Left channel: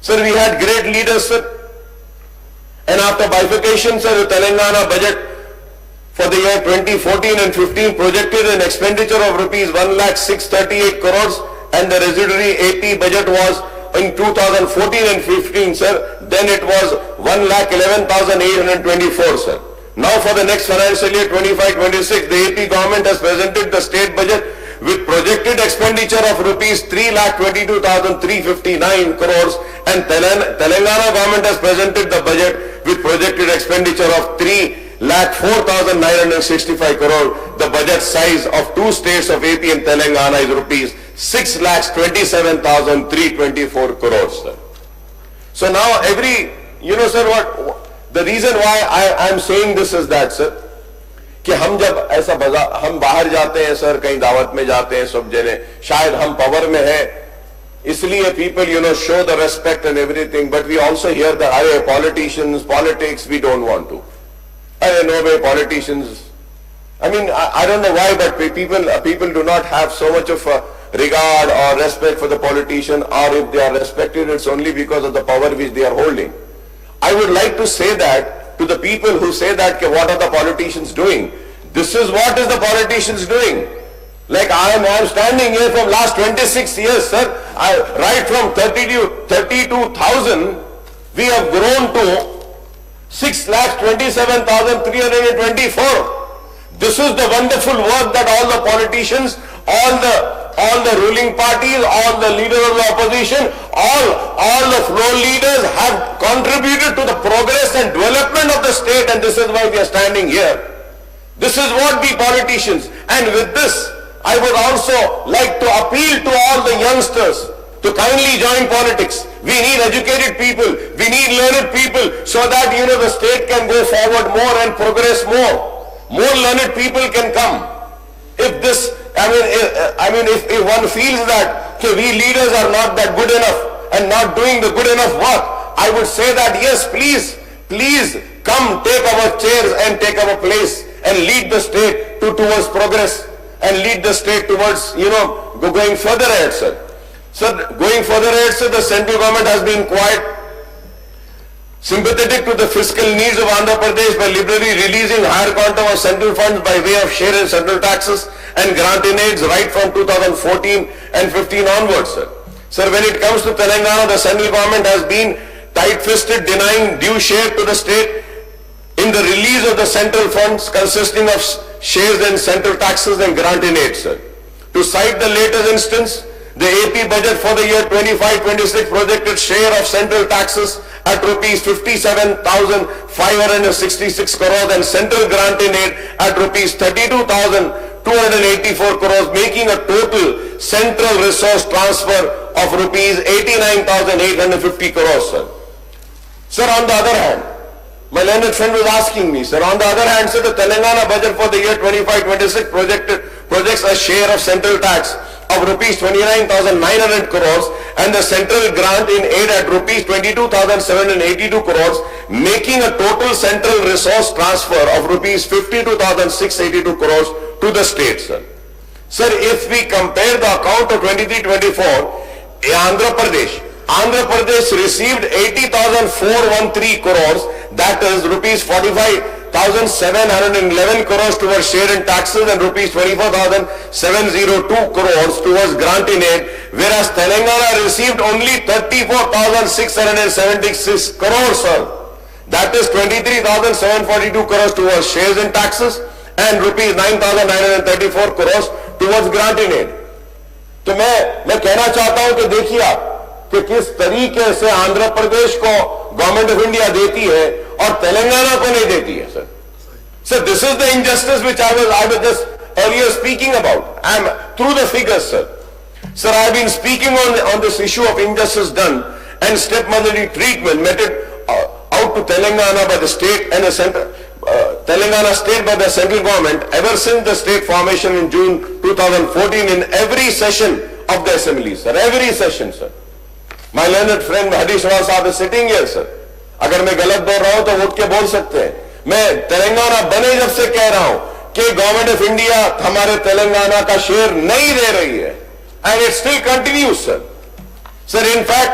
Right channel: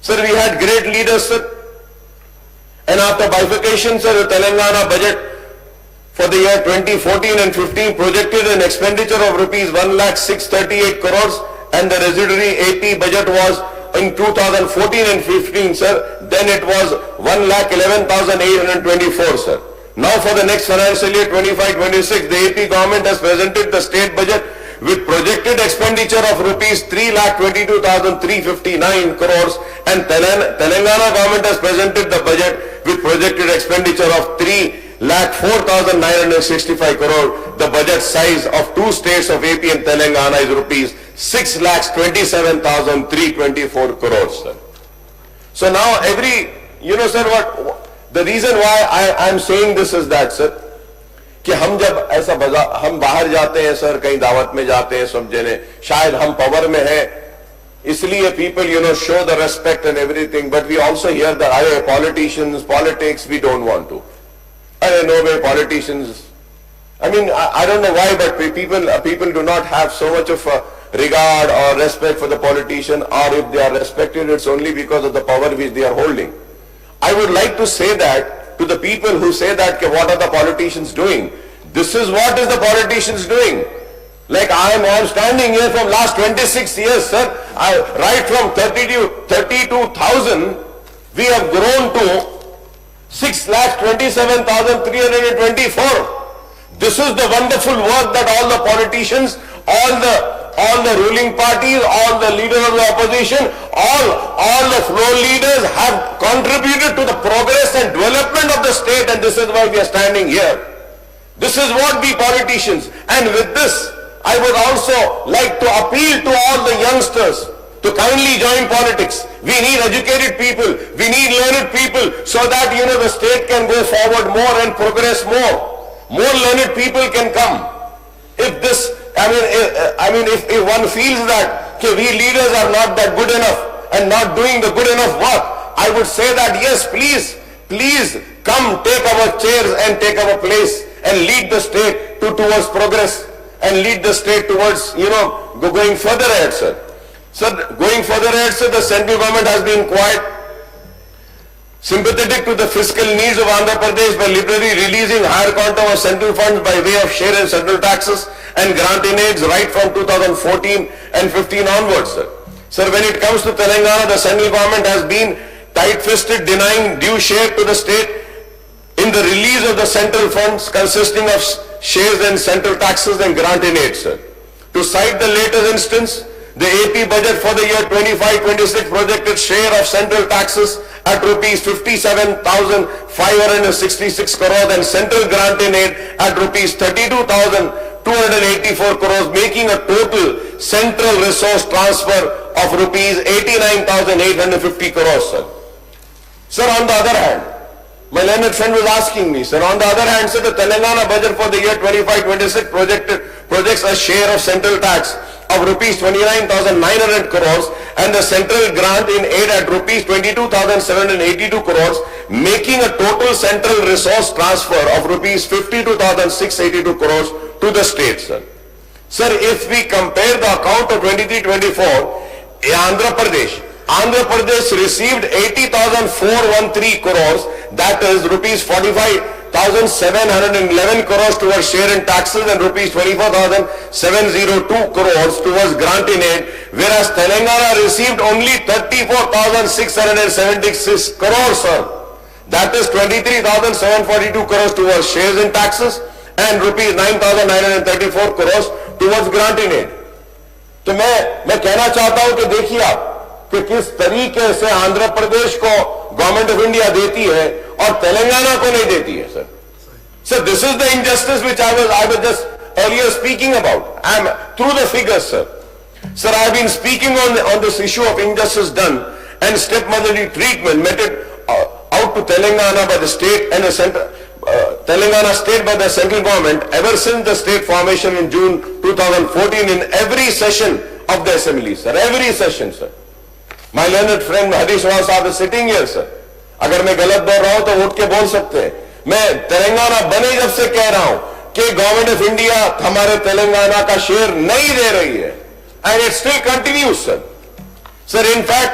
Sir, we had great leaders, sir. And after bifurcation, sir, the Telangana budget for the year 2014 and 15 projected an expenditure of rupees 1,638 crores, and the residuary AP budget was in 2014 and 15, sir. Then it was 1,11,824, sir. Now for the next financial year 25-26, the AP government has presented the state budget with projected expenditure of rupees 3,22,359 crores, and Telangana government has presented the budget with projected expenditure of 3,04,965 crore. The budget size of two states of AP and Telangana is rupees 6,27,324 crores, sir. So now sir, the reason why I am saying this is that, sir, कि हम जब ऐसा हम बाहर जाते हैं sir, कहीं दावत में जाते हैं, सब जने शायद हम पावर में हैं, इसलिए people show the respect and everything, but we also hear that अरे politics we don't want to, अरे no way politicians, I mean I don't know why, but people do not have so much of regard or respect for the politician, or if they are respected, it's only because of the power which they are holding. I would like to say that to the people who say that, what are the politicians doing? This is what is the politicians doing. Like I am standing here from last 26 years, sir. Right from 32,000, we have grown to 6,27,324. This is the wonderful work that all the politicians, all the ruling parties, all the leaders of the opposition, all the floor leaders have contributed to the progress and development of the state, and this is why we are standing here. This is what we politicians, and with this, I would also like to appeal to all the youngsters to kindly join politics. We need educated people, we need learned people, so that the state can go forward more and progress more. More learned people can come. If this, if one feels that we leaders are not that good enough and not doing the good enough work, I would say that yes, please come, take our chairs and take our place and lead the state towards progress and lead the state towards, going further ahead, sir. So going further ahead, sir, the central government has been quite sympathetic to the fiscal needs of Andhra Pradesh by liberally releasing higher quantum of central funds by way of share and central taxes and grant in aids right from 2014 and 15 onwards, sir. Sir, when it comes to Telangana, the central government has been tight-fisted, denying due share to the state in the release of the central funds consisting of shares and central taxes and grant in aids, sir. To cite the latest instance, the AP budget for the year 25-26 projected share of central taxes at rupees 57,566 crores and central grant in aid at rupees 32,284 crores, making a total central resource transfer of rupees 89,850 crores, sir. Sir, on the other hand, my learned friend was asking me, sir, on the other hand, sir, the Telangana budget for the year 25-26 projects a share of central tax of rupees 29,900 crores and the central grant in aid at rupees 22,782 crores, making a total central resource transfer of rupees 52,682 crores to the state, sir. Sir, if we compare the account of 23-24, Andhra Pradesh received 80,413 crores, that is rupees 45,711 crores towards share in taxes and rupees 24,702 crores towards grant in aid, whereas Telangana received only 34,676 crores, sir. That is 23,742 crores towards shares in taxes and rupees 9,934 crores towards grant in aid. तो मैं कहना चाहता हूं कि देखिए आप कि किस तरीके से आंध्र प्रदेश को गवर्नमेंट ऑफ इंडिया देती है और तेलंगाना को नहीं देती है, sir. So this is the injustice which I was just earlier speaking about. I am through the figures, sir. Sir, I have been speaking on this issue of injustice done and stepmotherly treatment meted out to Telangana by the state and the central. Telangana state by the central government ever since the state formation in June 2014 in every session of the assembly, sir. Every session, sir. My learned friend Harish Rawat Sahab is sitting here, sir. अगर मैं गलत बोल रहा हूं तो उठ के बोल सकते हैं. मैं तेलंगाना बने जब से कह रहा हूं कि गवर्नमेंट ऑफ इंडिया हमारे तेलंगाना का शेयर नहीं दे रही है, and it still continues, sir. Sir, in fact,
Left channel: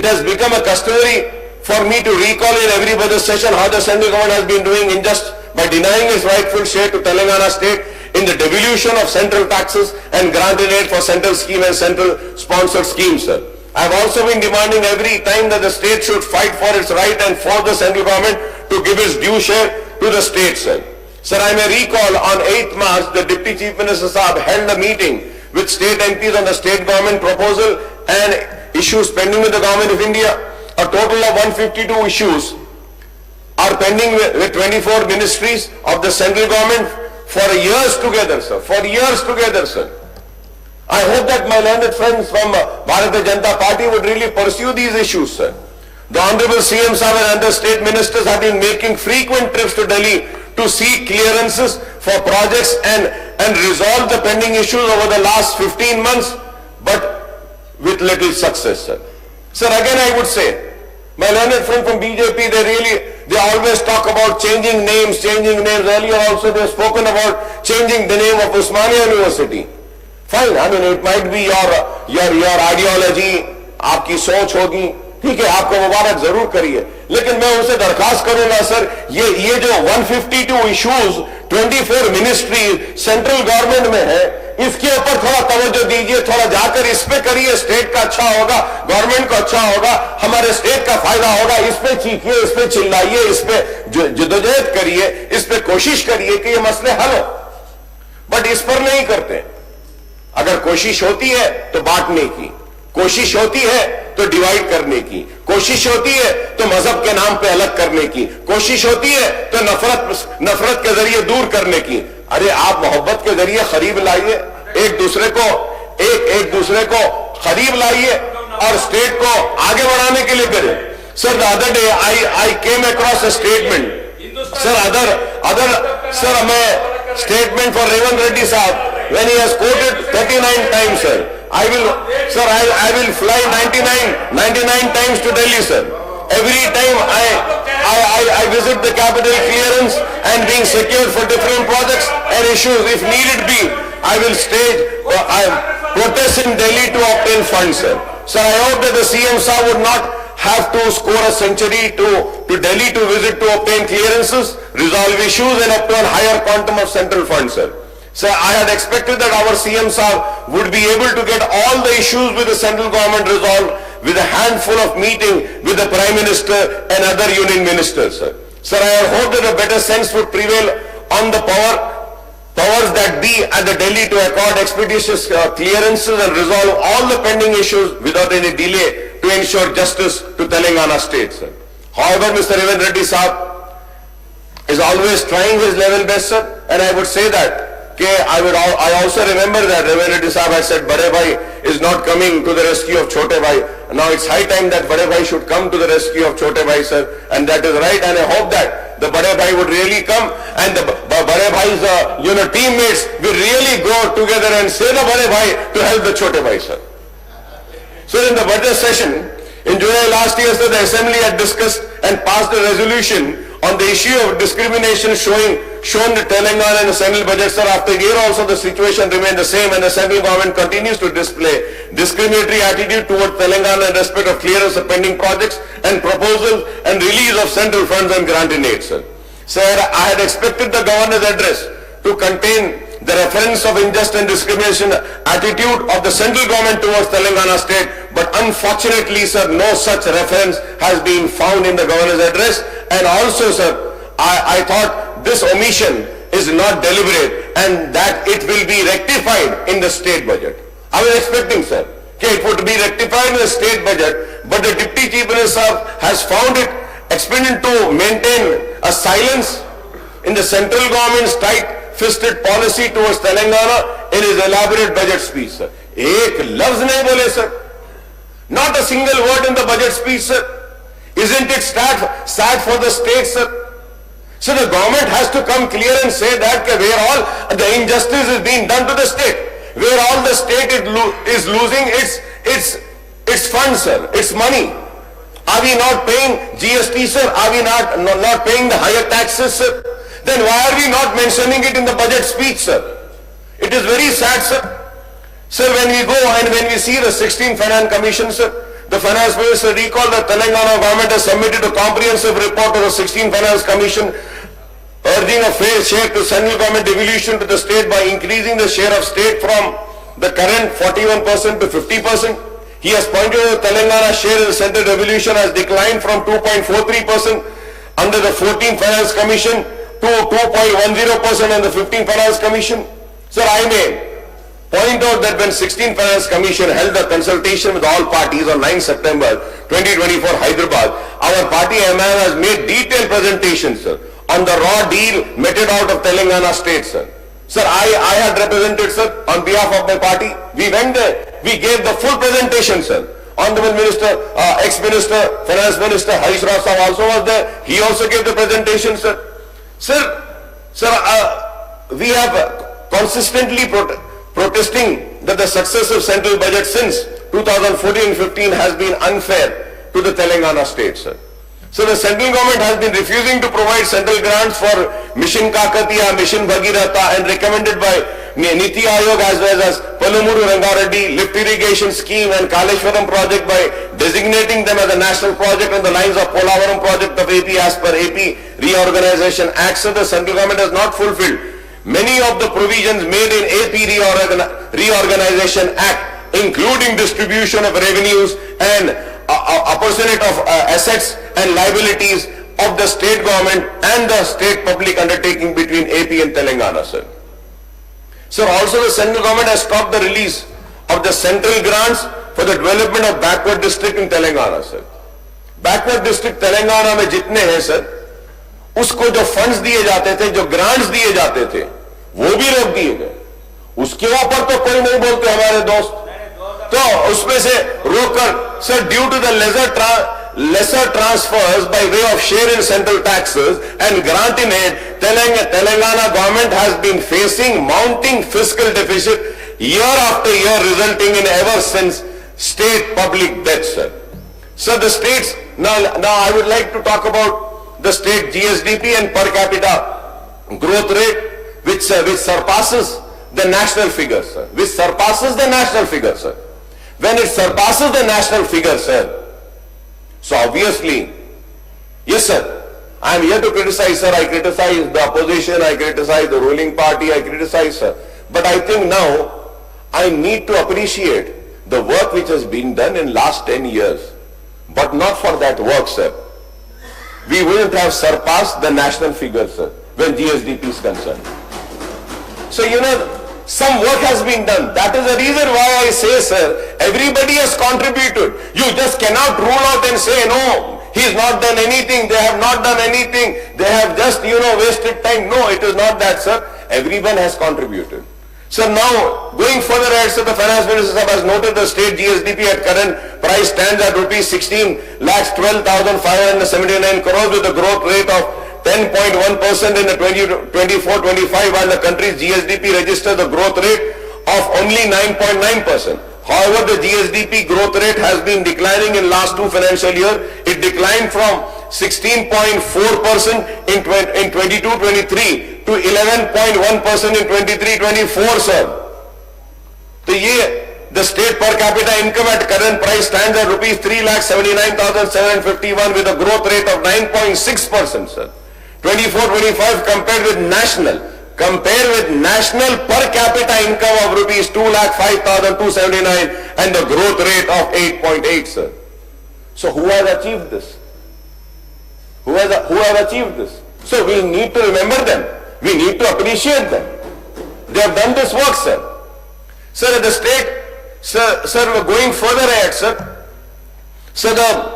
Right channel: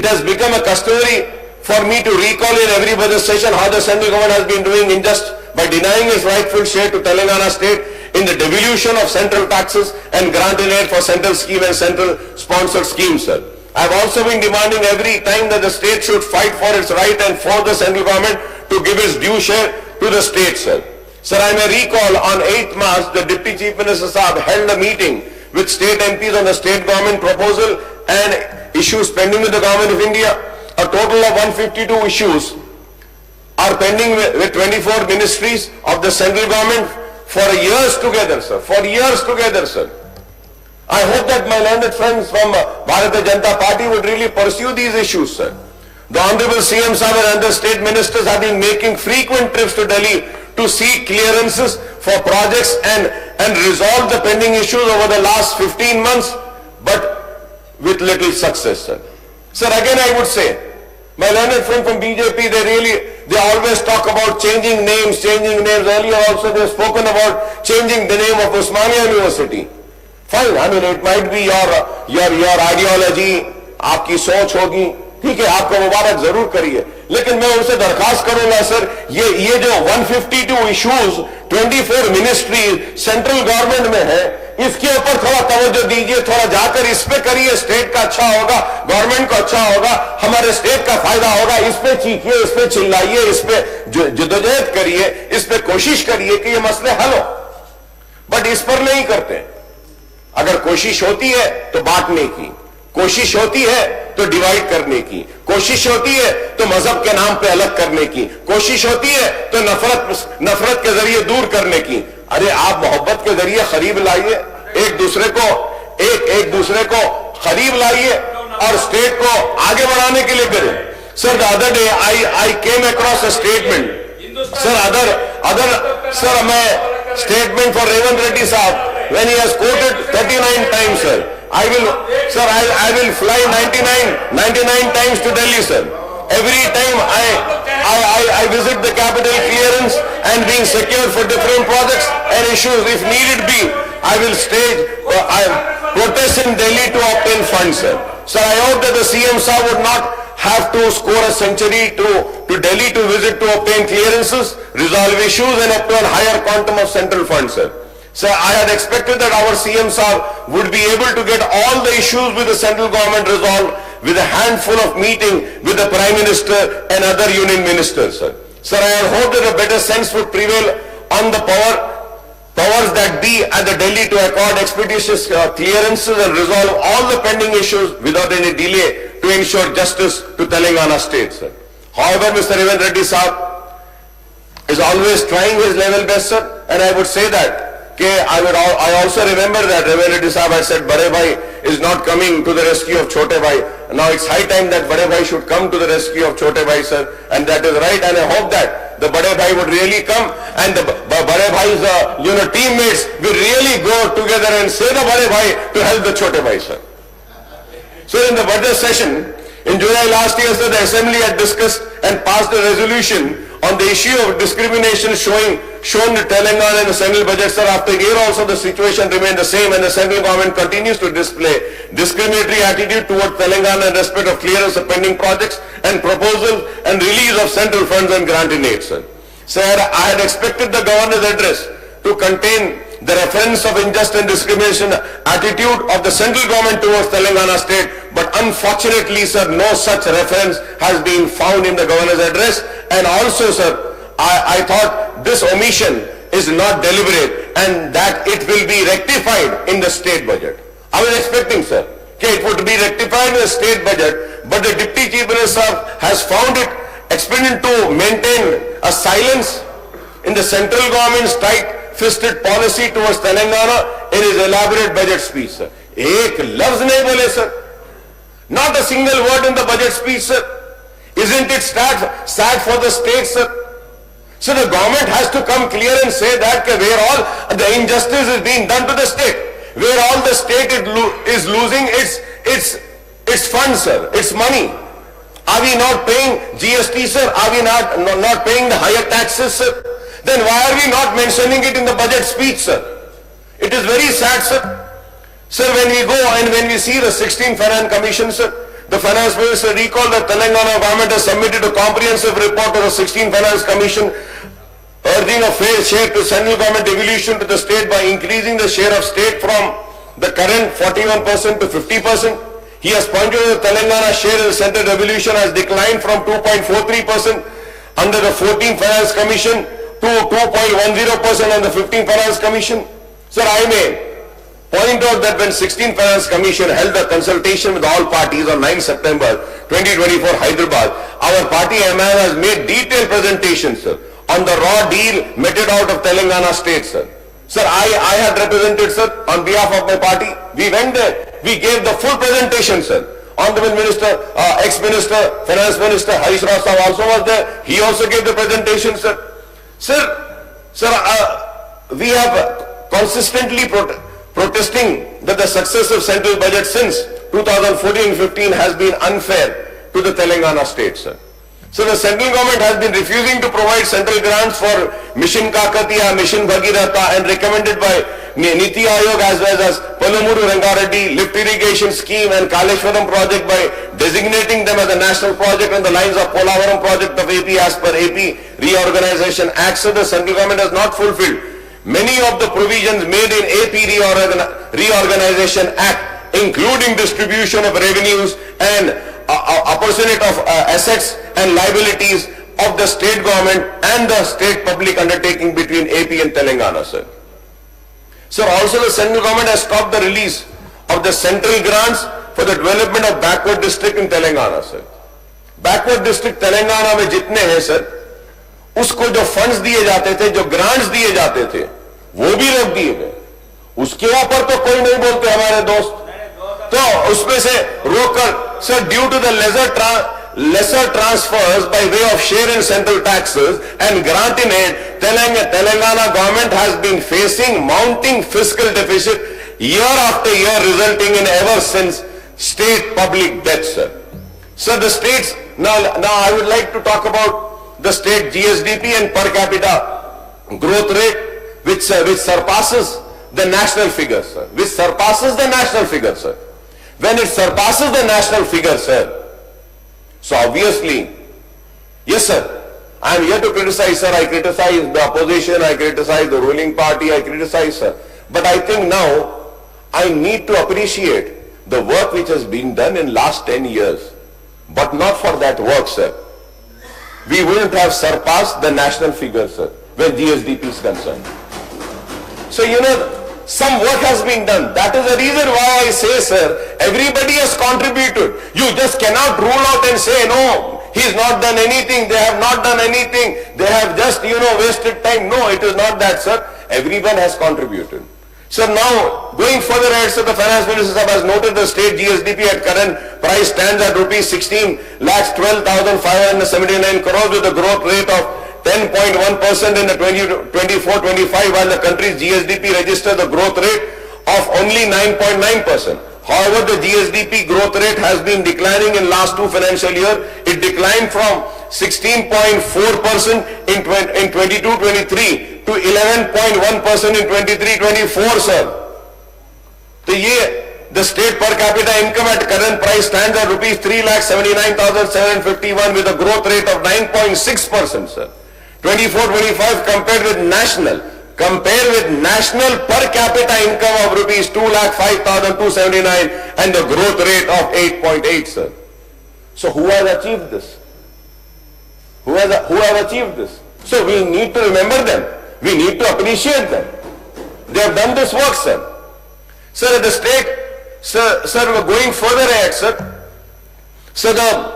it has become a customary for me to recall in every budget session how the central government has been doing unjust by denying its rightful share to Telangana state in the devolution of central taxes and granting aid for central scheme and central sponsored schemes, sir. I have also been demanding every time that the state should fight for its right and for the central government to give its due share to the state, sir. Sir, I may recall on 8th March, the Deputy Chief Minister Saab held a meeting with state MPs on the state government proposal and issues pending with the government of India. A total of 152 issues are pending with 24 ministries of the central government for years together, sir. For years together, sir. I hope that my learned friends from Bharatiya Janata Party would really pursue these issues, sir. The Honorable CM Saab and other state ministers have been making frequent trips to Delhi to seek clearances for projects and resolve the pending issues over the last 15 months, but with little success, sir. Sir, again I would say, my learned friend from BJP, they always talk about changing names. Earlier also they have spoken about changing the name of Osmania University. Fine, I mean it might be your ideology, आपकी सोच होगी, ठीक है, आपको मुबारक जरूर करिए, लेकिन मैं उनसे दरखास्त करूंगा सर, ये जो 152 इश्यूज 24 मिनिस्ट्री सेंट्रल गवर्नमेंट में है, इसके ऊपर थोड़ा तवज्जो दीजिए, थोड़ा जाकर इस पे करिए, स्टेट का अच्छा होगा, गवर्नमेंट को अच्छा होगा, हमारे स्टेट का फायदा होगा, इस पे चीखिए, इस पे चिल्लाइए, इस पे जद्दोजहद करिए, इस पे कोशिश करिए कि ये मसले हल हो, बट इस पर नहीं करते। अगर कोशिश होती है तो बांटने की, कोशिश होती है तो डिवाइड करने की, कोशिश होती है तो मजहब के नाम पे अलग करने की, कोशिश होती है तो नफरत के जरिए दूर करने की। अरे आप मोहब्बत के जरिए करीब लाइए, एक दूसरे को करीब लाइए और स्टेट को आगे बढ़ाने के लिए करें। Sir, the other day I came across a statement. Sir, मैं statement for Revant Reddy साहब, when he has quoted 39 times, sir. I will fly 99 times to Delhi, sir. Every time I visit the capital clearance and being secured for different projects and issues. If needed be, I will protest in Delhi to obtain funds, sir. Sir, I hope that the CM Saab would not have to score a century to Delhi to visit to obtain clearances, resolve issues and obtain higher quantum of central funds, sir. Sir, I had expected that our CM Saab would be able to get all the issues with the central government resolved with a handful of meeting with the Prime Minister and other union ministers, sir. Sir, I had hoped that a better sense would prevail on the powers that be at the Delhi to accord expeditious clearances and resolve all the pending issues without any delay to ensure justice to Telangana state, sir. However, Mr. Revant Reddy Saab is always trying his level best, sir, and I would say that I also remember that Revant Reddy Saab had said Bade Bhai is not coming to the rescue of Chote Bhai. Now it's high time that Bade Bhai should come to the rescue of Chote Bhai, sir, and that is right, and I hope that the Bade Bhai would really come and the Bade Bhai's teammates will really go together and say the Bade Bhai to help the Chote Bhai, sir. So in the budget session in July last year, sir, the Assembly had discussed and passed a resolution on the issue of discrimination shown in Telangana in the central budget, sir. After a year also the situation remained the same and the central government continues to display discriminatory attitude towards Telangana in respect of clearance of pending projects and proposals and release of central funds and granting aid, sir. Sir, I had expected the governor's address to contain the reference of injustice and discrimination attitude of the central government towards Telangana state, but unfortunately, sir, no such reference has been found in the governor's address. And also, sir, I thought this omission is not deliberate and that it will be rectified in the state budget. I was expecting, sir, it would be rectified in the state budget, but the Deputy Chief Minister has found it expedient to maintain a silence in the central government's tight-fisted policy towards Telangana in his elaborate budget speech, sir. Ek lafz nahi bole, sir. Not a single word in the budget speech, sir. Isn't it sad for the state, sir? So the government has to come clear and say that where all the injustice is being done to the state, where all the state is losing its funds, sir, its money. Are we not paying GST, sir? Are we not paying the higher taxes, sir? Then why are we not mentioning it in the budget speech, sir? It is very sad, sir. Sir, when we go and when we see the 16th Finance Commission, sir, The Finance Minister recalled that Telangana government has submitted a comprehensive report to the 16th Finance Commission urging a fair share to central government devolution to the state by increasing the share of state from the current 41% to 50%. He has pointed out that Telangana share in the central devolution has declined from 2.43% under the 14th Finance Commission to 2.10% under the 15th Finance Commission. Sir, I may point out that when 16th Finance Commission held a consultation with all parties on 9 September 2024 Hyderabad, our party MIM has made detailed presentations, sir, on the raw deal meted out of Telangana state, sir. Sir, I had represented, sir, on behalf of my party. We went there. We gave the full presentation, sir. Honorable Minister, ex-Minister, Finance Minister Harish Rao Saab also was there. He also gave the presentation, sir. Sir, we have consistently protesting that the success of central budget since 2014-15 has been unfair to the Telangana state, sir. So the central government has been refusing to provide central grants for Mission Kakatiya, Mission Bhagiratha, and recommended by Niti Aayog as well as Palamuru Rangareddy lift irrigation scheme and Kaleshwaram project by designating them as a national project on the lines of Polavaram project of AP as per AP Reorganization Act. So the central government has not fulfilled many of the provisions made in AP Reorganization Act, including distribution of revenues and apportionment of assets and liabilities of the state government and the state public undertaking between AP and Telangana, sir. Sir, also the central government has stopped the release of the central grants for the development of backward district in Telangana, sir. Backward district Telangana में जितने हैं, sir, उसको जो funds दिए जाते थे, जो grants दिए जाते थे, वो भी रोक दिए गए. उसके ऊपर तो कोई नहीं बोलते हमारे दोस्त. तो उसमें से रोककर, sir, due to the lesser transfers by way of share in central taxes and grant in aid, Telangana government has been facing mounting fiscal deficit year after year, resulting in ever since state public debt, sir. So the states, now I would like to talk about the state GSDP and per capita growth rate, which surpasses the national figure, sir. Which surpasses the national figure, sir. When it surpasses the national figure, sir, so obviously, yes, sir, I am here to criticize, sir. I criticize the opposition, I criticize the ruling party, I criticize, sir. But I think now I need to appreciate the work which has been done in last 10 years. But not for that work, sir, we wouldn't have surpassed the national figure, sir, when GSDP is concerned. So, you know, some work has been done. That is the reason why I say, sir, everybody has contributed. You just cannot rule out and say, no, he's not done anything, they have not done anything, they have just, wasted time. No, it is not that, sir. Everyone has contributed. So now, going further ahead, sir, the Finance Minister has noted the state GSDP at current price stands at rupees 16,12,579 crores with a growth rate of 10.1% in the 24-25, while the country's GSDP registers a growth rate of only 9.9%. However, the GSDP growth rate has been declining in last two financial years. It declined from 16.4% in 22-23 to 11.1% in 23-24, sir. The state per capita income at current price stands at rupees 3,79,751 with a growth rate of 9.6%, sir. 24-25 compared with national per capita income of rupees 2,05,279 and the growth rate of 8.8, sir. So who has achieved this? Who has achieved this? So we need to remember them. We need to appreciate them. They have done this work, sir. Sir, at the state, sir, we're going further ahead, sir. So the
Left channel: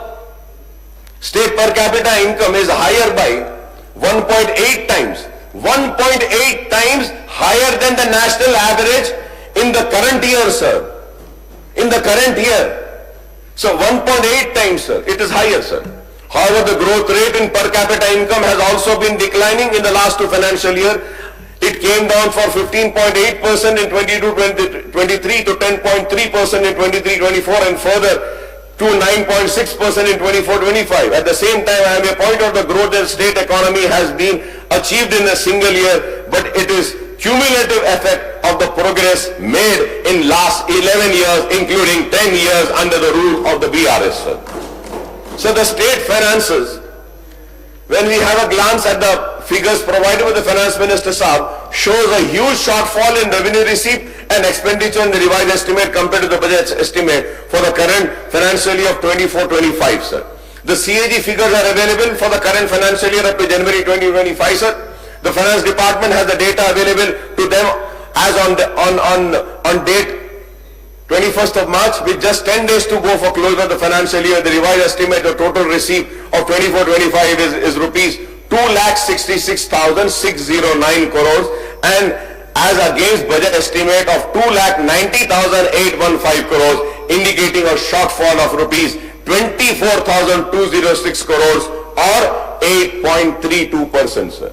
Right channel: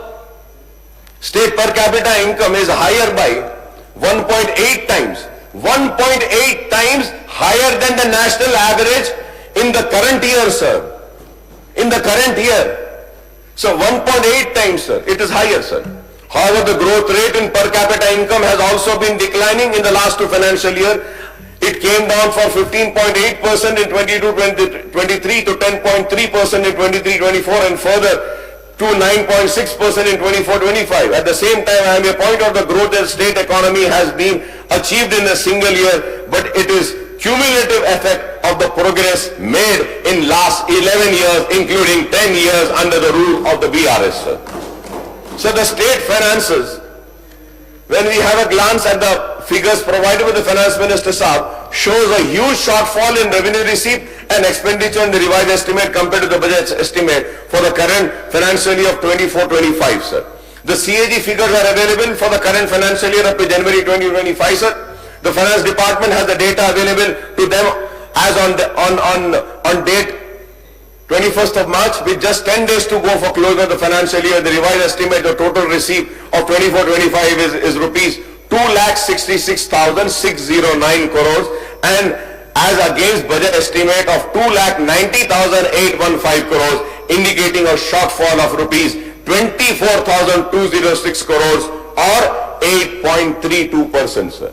state per capita income is higher by 1.8 times. 1.8 times higher than the national average in the current year, sir. In the current year. So 1.8 times, sir. It is higher, sir. However, the growth rate in per capita income has also been declining in the last two financial years. It came down from 15.8% in 22-23 to 10.3% in 23-24 and further to 9.6% in 24-25. At the same time, I may point out the growth in state economy has been achieved in a single year, but it is cumulative effect of the progress made in last 11 years, including 10 years under the rule of the BRS, sir. So the state finances, when we have a glance at the figures provided by the Finance Minister Saab, shows a huge shortfall in revenue receipt and expenditure in the revised estimate compared to the budget estimate for the current financial year of 24-25, sir. The CAG figures are available for the current financial year up to January 2025, sir. The Finance Department has the data available to them as on date 21st of March, with just 10 days to go for close of the financial year. The revised estimate, the total receipt of 24-25 is rupees 2,66,609 crores, and as against budget estimate of 2,90,815 crores, indicating a shortfall of rupees 24,206 crores or 8.32%, sir.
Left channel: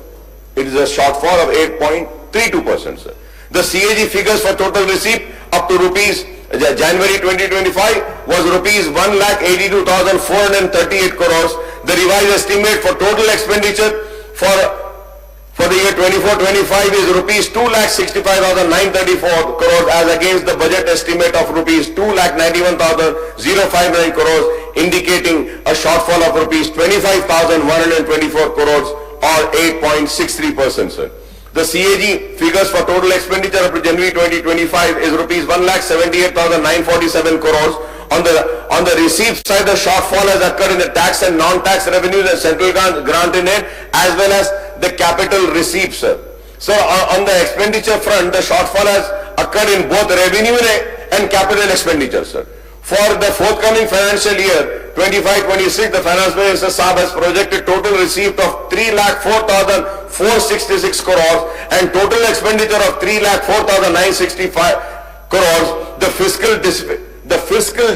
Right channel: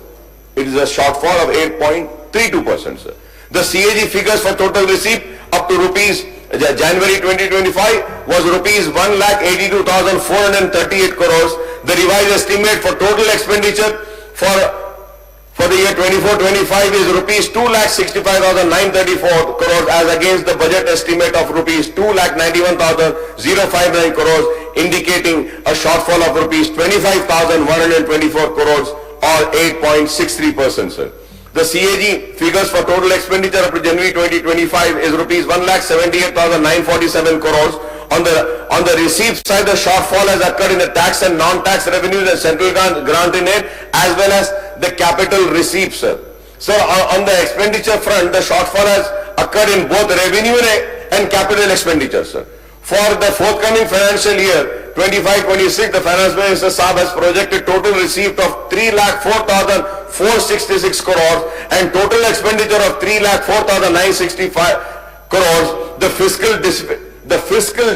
It is a shortfall of 8.32%, sir. The CAG figures for total receipt up to January 2025 was rupees 1,82,438 crores. The revised estimate for total expenditure for the year 24-25 is rupees 2,65,934 crores as against the budget estimate of rupees 2,91,059 crores, indicating a shortfall of rupees 25,124 crores or 8.63%, sir. The CAG figures for total expenditure up to January 2025 is rupees 1,78,947 crores. On the receipt side, the shortfall has occurred in the tax and non-tax revenues and central grant in aid, as well as the capital receipts, sir. So on the expenditure front, the shortfall has occurred in both revenue and capital expenditure, sir. For the forthcoming financial year 25-26, the Finance Minister Saab has projected total receipt of 3,04,466 crores and total expenditure of 3,04,965 crores. The fiscal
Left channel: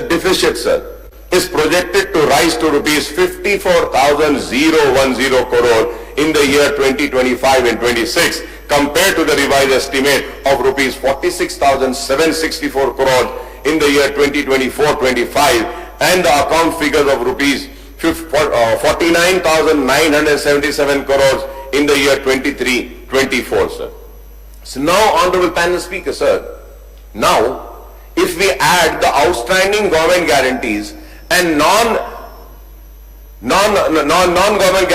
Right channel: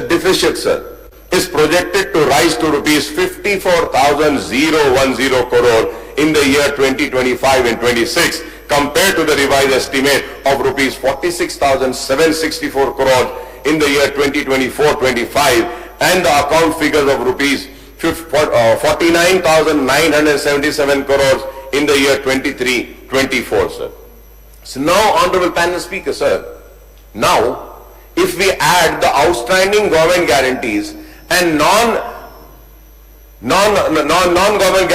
deficit, sir, is projected to rise to rupees 54,010 crore in the year 2025 and 26 compared to the revised estimate of rupees 46,764 crores in the year 2024-25 and the account figures of rupees 49,977 crores in the year 23-24, sir. So now, Honorable Panel Speaker, sir, now if we add the outstanding government guarantees and non-government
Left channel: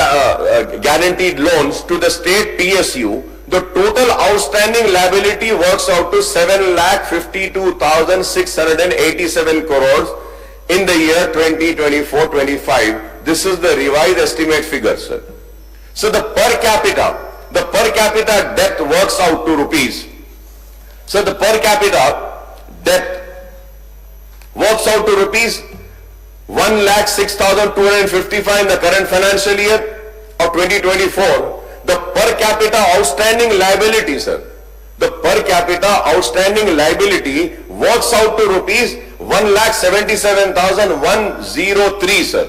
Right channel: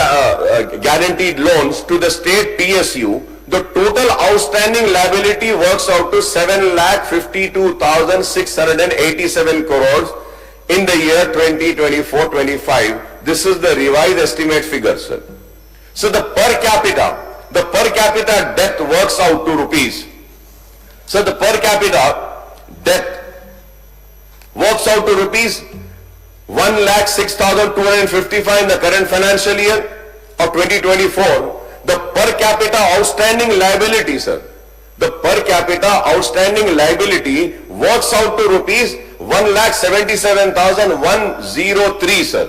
guaranteed loans to the state PSU, the total outstanding liability works out to 7,52,687 crores in the year 2024-25. This is the revised estimate figure, sir. So the per capita debt works out to rupees. So the per capita debt works out to rupees 1,06,255 in the current financial year of 2024. The per capita outstanding liability, sir, the per capita outstanding liability works out to rupees 1,77,103, sir.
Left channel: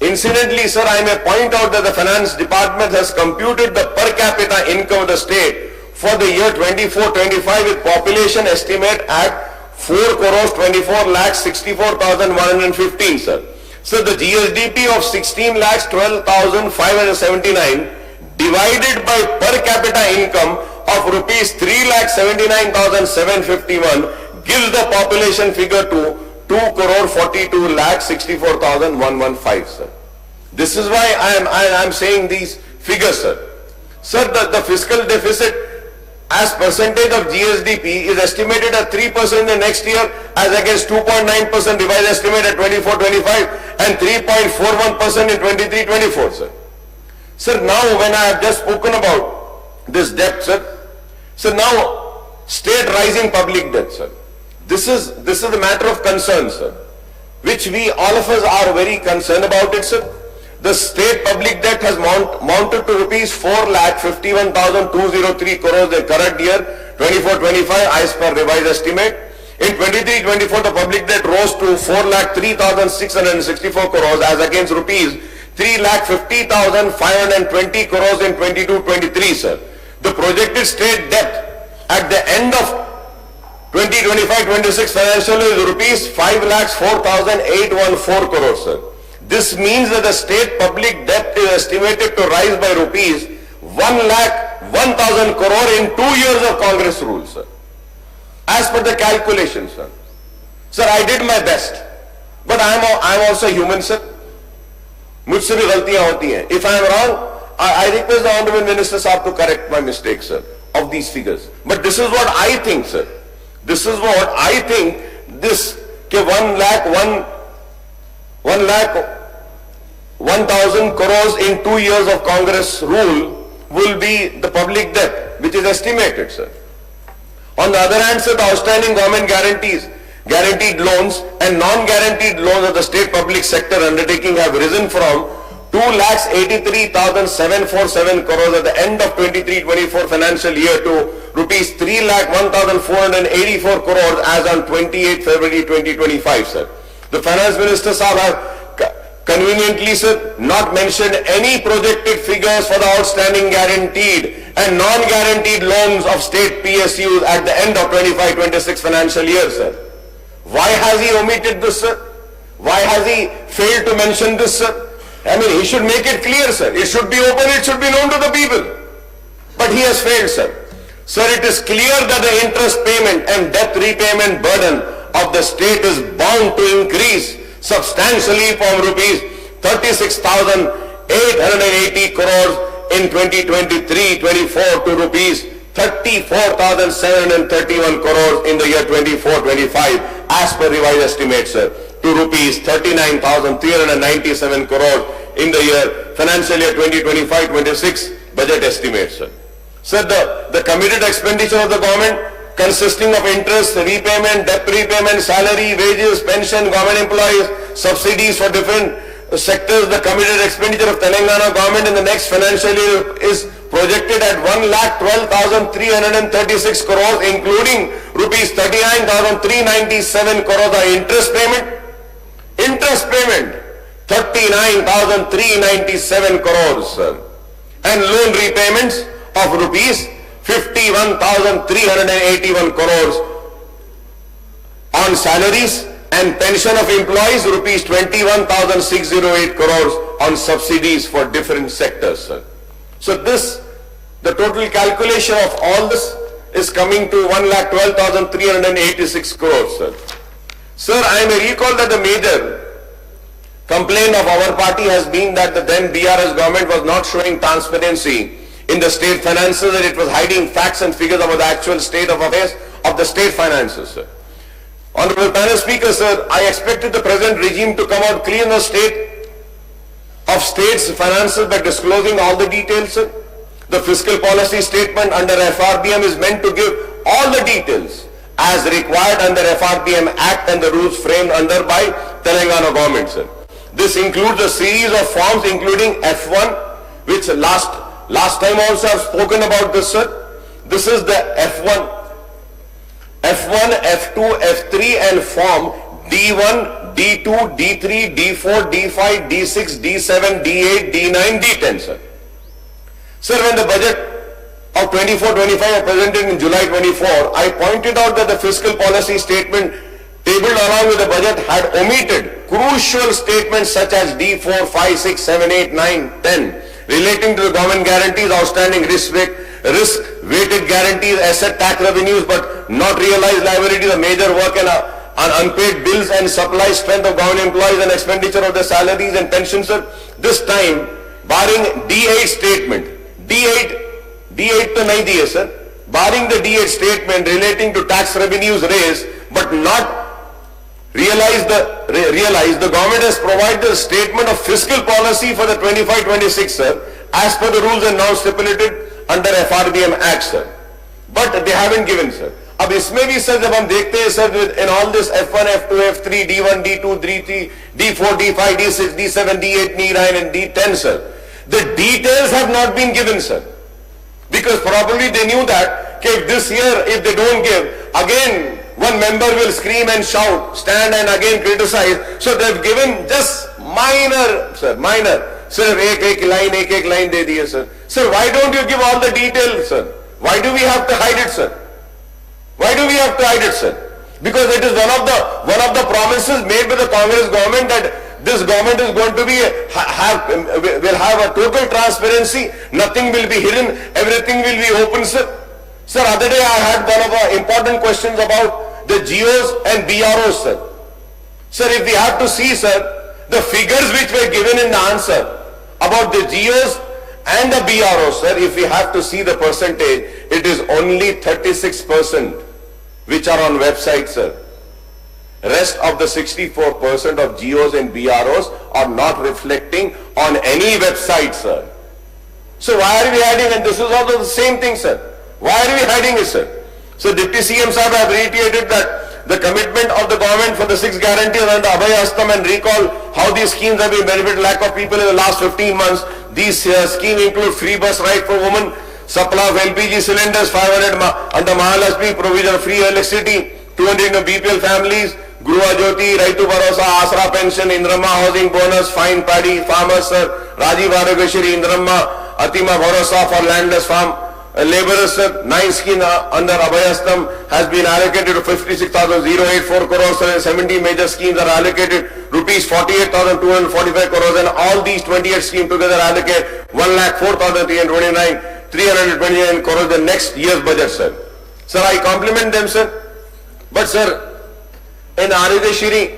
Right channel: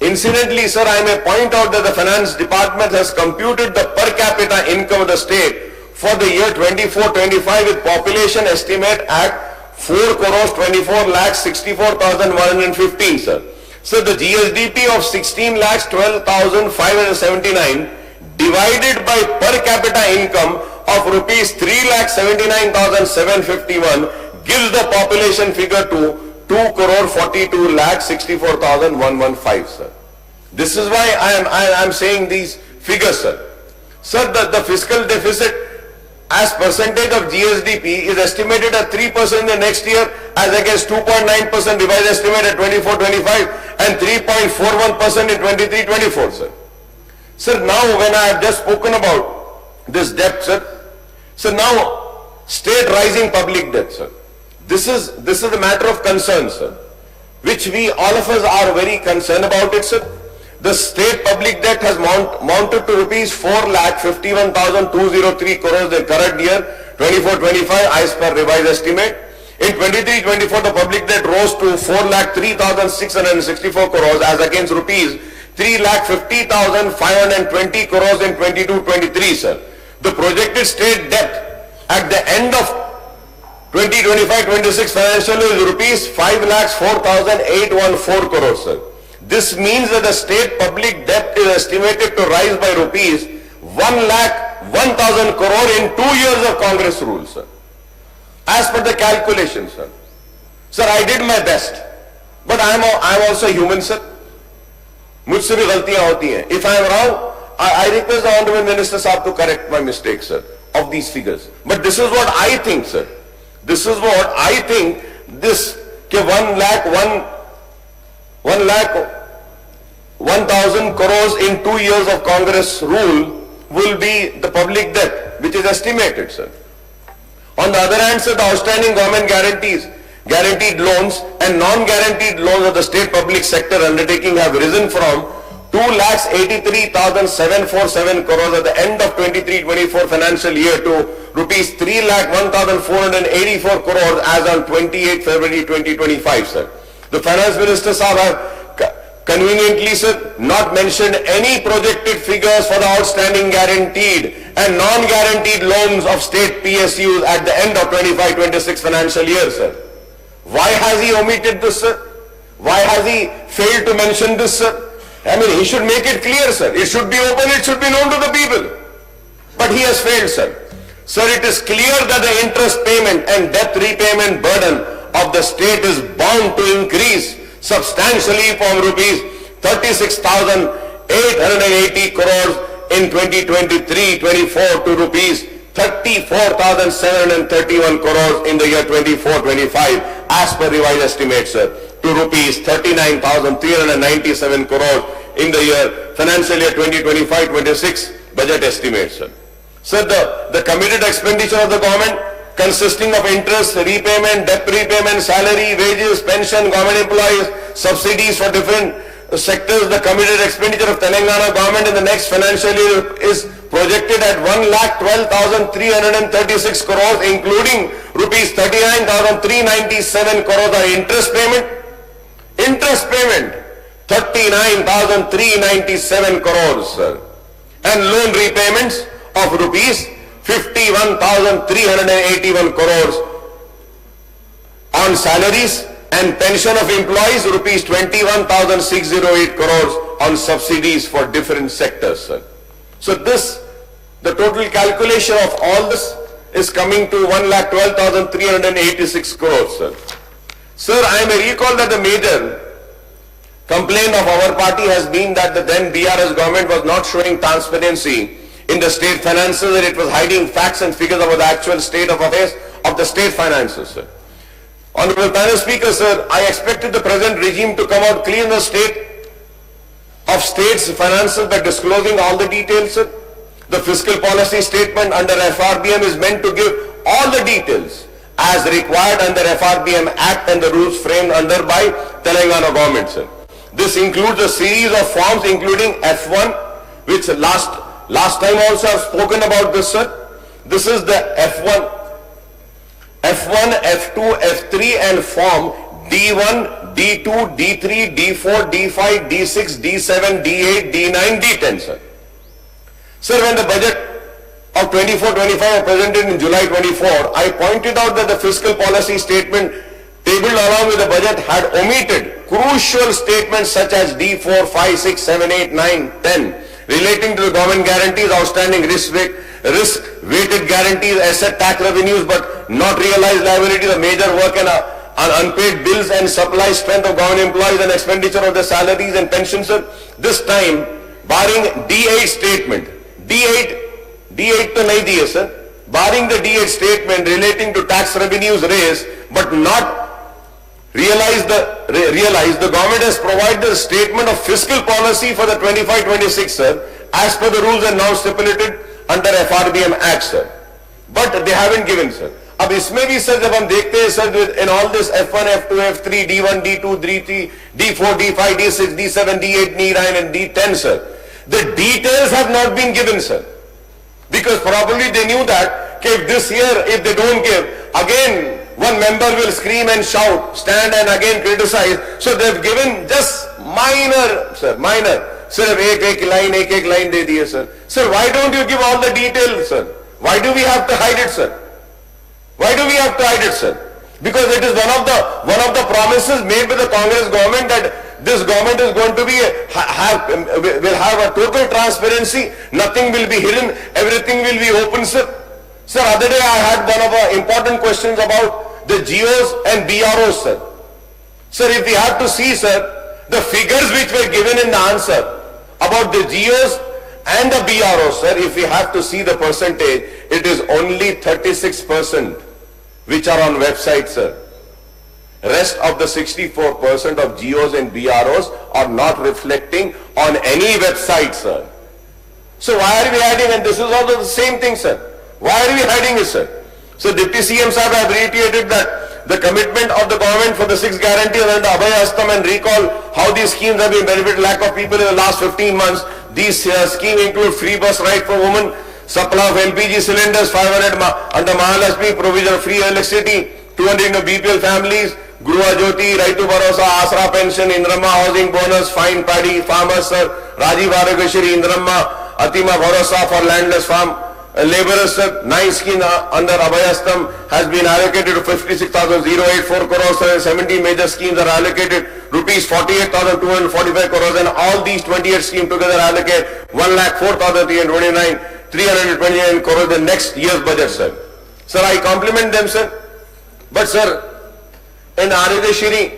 Incidentally, sir, I may point out that the Finance Department has computed the per capita income of the state for the year 24-25 with population estimate at 4,24,64,115, sir. So the GSDP of 16,12,579 divided by per capita income of rupees 3,79,751 gives the population figure to 2,42,64,115, sir. This is why I am saying these figures, sir. Sir, the fiscal deficit as percentage of GSDP is estimated at 3% in the next year as against 2.9% revised estimate at 24-25 and 3.41% in 23-24, sir. Sir, now when I have just spoken about this debt, sir, so now state rising public debt, sir. This is a matter of concern, sir, which all of us are very concerned about it, sir. The state public debt has mounted to rupees 4,51,203 crores in the current year 24-25 as per revised estimate. In 23-24, the public debt rose to 4,03,664 crores as against rupees 3,50,520 crores in 22-23, sir. The projected state debt at the end of 2025-26 financial year is rupees 5,04,814 crores, sir. This means that the state public debt is estimated to rise by rupees 1,00,000 1,000 crore in 2 years of Congress rule, sir. As per the calculation, sir. Sir, I did my best. But I am also human, sir. मुझसे भी गलतियां होती हैं. If I am wrong, I request the Honorable Minister Sahab to correct my mistakes, sir, of these figures. But this is what I think, sir. This is what I think. This ke 1,000 crores in 2 years of Congress rule will be the public debt, which is estimated, sir. On the other hand, sir, the outstanding government guaranteed loans and non-guaranteed loans of the state public sector undertaking have risen from 2,83,747 crores at the end of 23-24 financial year to rupees 3,01,484 crores as on 28 February 2025, sir. The Finance Minister Sahab have conveniently, sir, not mentioned any projected figures for the outstanding guaranteed and non-guaranteed loans of state PSUs at the end of 25-26 financial year, sir. Why has he omitted this, sir? Why has he failed to mention this, sir? I mean, he should make it clear, sir. It should be open, it should be known to the people. But he has failed, sir. Sir, it is clear that the interest payment and debt repayment burden of the state is bound to increase substantially from rupees 36,880 crores in 2023-24 to rupees 34,731 crores in the year 24-25 as per revised estimates, sir, to rupees 39,397 crores in the year financial year 2025-26 budget estimates, sir. Sir, the committed expenditure of the government consisting of interest, repayment, debt repayment, salary, wages, pension, government employees, subsidies for different sectors, the committed expenditure of Telangana government in the next financial year is projected at 1,12,336 crores, including rupees 39,397 crores are interest payment. Interest payment, 39,397 crores, sir. And loan repayments of rupees 51,381 crores. On salaries and pension of employees, rupees 21,608 crores on subsidies for different sectors, sir. So this, the total calculation of all this is coming to 1,12,386 crores, sir. Sir, I may recall that the major complaint of our party has been that the then BRS government was not showing transparency in the state finances and it was hiding facts and figures about the actual state of affairs of the state finances, sir. Honorable panel speaker, sir, I expected the present regime to come out clean in the state of state's finances by disclosing all the details, sir. The fiscal policy statement under FRBM is meant to give all the details as required under FRBM Act and the rules framed under by Telangana government, sir. This includes a series of forms including F1, which last time also I've spoken about this, sir. This is the F1, F2, F3 and form D1, D2, D3, D4, D5, D6, D7, D8, D9, D10, sir. Sir, when the budget of 24-25 was presented in July 24, I pointed out that the fiscal policy statement tabled along with the budget had omitted crucial statements such as D4, 5, 6, 7, 8, 9, 10 relating to the government guarantees, outstanding risk-weighted guarantees, asset tax revenues but not realized liabilities, the major work and unpaid bills and supply strength of government employees and expenditure of their salaries and pensions, sir. This time, barring D8 statement, D8 to nahi diye, sir. Barring the D8 statement relating to tax revenues raised but not realized, the government has provided a statement of fiscal policy for the 25-26, sir, as per the rules and norms stipulated under FRBM Act, sir. But they haven't given, sir. अब इसमें भी sir जब हम देखते हैं sir in all this F1, F2, F3, D1, D2, D3, D4, D5, D6, D7, D8, D9 and D10, sir. The details have not been given, sir. Because probably they knew that if this year, if they don't give, again one member will scream and shout, stand and again criticize. So they've given just minor, sir, minor. Sir, एक line दे दिए, sir. Sir, why don't you give all the details, sir? Why do we have to hide it, sir? Why do we have to hide it, sir? Because it is one of the promises made by the Congress government that this government is going to be will have a total transparency. Nothing will be hidden. Everything will be open, sir. Sir, other day I had one of our important questions about the GOs and BROs, sir. Sir, if we have to see, sir, the figures which were given in the answer about the GOs and the BROs, sir, if we have to see the percentage, it is only 36% which are on website, sir. Rest of the 64% of GOs and BROs are not reflecting on any website, sir. So why are we hiding? And this is also the same thing, sir. Why are we hiding it, sir? So Deputy CM Sahib have reiterated that the commitment of the government for the 6 guarantees under Abhay Astam, and recall how these schemes have been benefited lakh of people in the last 15 months. These schemes include free bus ride for women, supply of LPG cylinders, 500 under Mahalakshmi, provision of free electricity, 200 BPL families, Gruha Jyoti, Raitu Bharosa, Asra pension, Indramma housing bonus, fine paddy farmers, sir, Rajiv Arogyashri, Indramma, Atima Bharosa for landless farm laborers, sir. 9 schemes under Abhay Astam has been allocated to 56,084 crores, sir. 70 major schemes are allocated rupees 48,245 crores, and all these 28 schemes together allocate 1,04,329 329 crores the next year's budget, sir. Sir, I compliment them, sir. But, sir, in Arogyashri,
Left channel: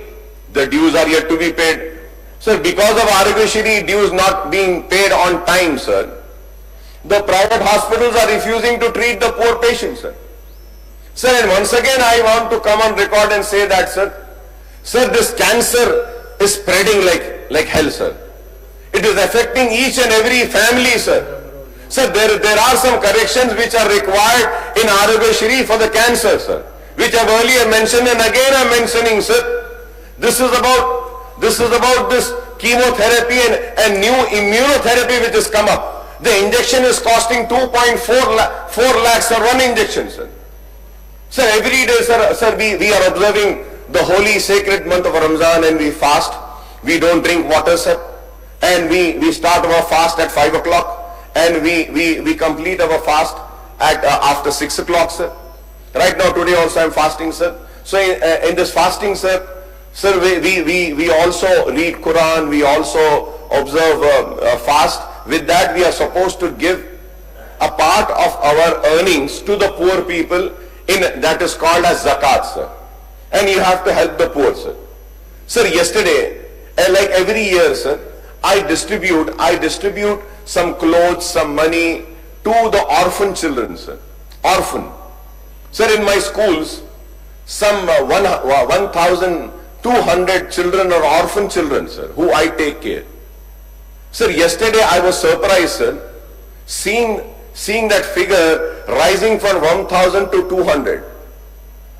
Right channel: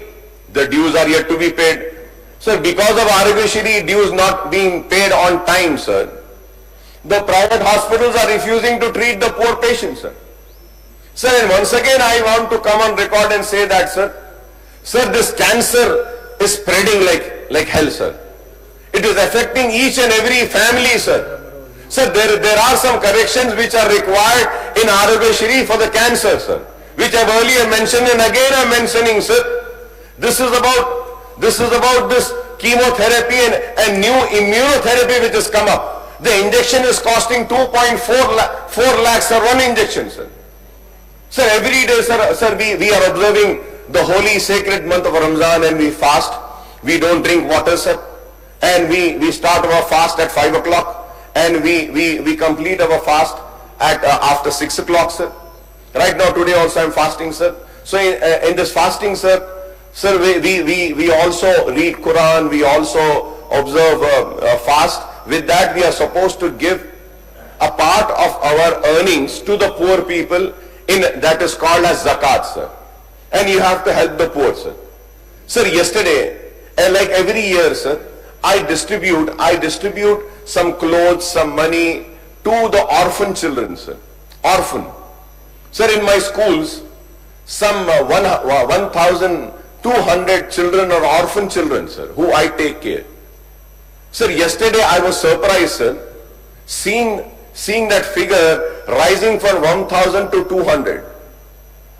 the dues are yet to be paid. Sir, because of Arogyashri dues not being paid on time, sir, the private hospitals are refusing to treat the poor patients, sir. Sir, and once again I want to come on record and say that, sir, this cancer is spreading like hell, sir. It is affecting each and every family, sir. Sir, there are some corrections which are required in Arogyashri for the cancer, sir, which I've earlier mentioned, and again I'm mentioning, sir. This is about this chemotherapy and new immunotherapy which has come up. The injection is costing 2.4 lakhs for one injection, sir. Sir, every day, sir, we are observing the holy sacred month of Ramzan, and we fast. We don't drink water, sir. And we start our fast at 5 o'clock, and we complete our fast at after 6 o'clock, sir. Right now, today also I'm fasting, sir. So in this fasting, sir, we also read Quran, we also observe fast. With that, we are supposed to give a part of our earnings to the poor people, that is called as zakat, sir. And you have to help the poor, sir. Sir, yesterday, like every year, sir, I distribute some clothes, some money to the orphan children, sir. Orphan. Sir, in my schools, some 1,200 children are orphan children, sir, who I take care. Sir, yesterday I was surprised, sir, seeing that figure rising from 1,000 to 200.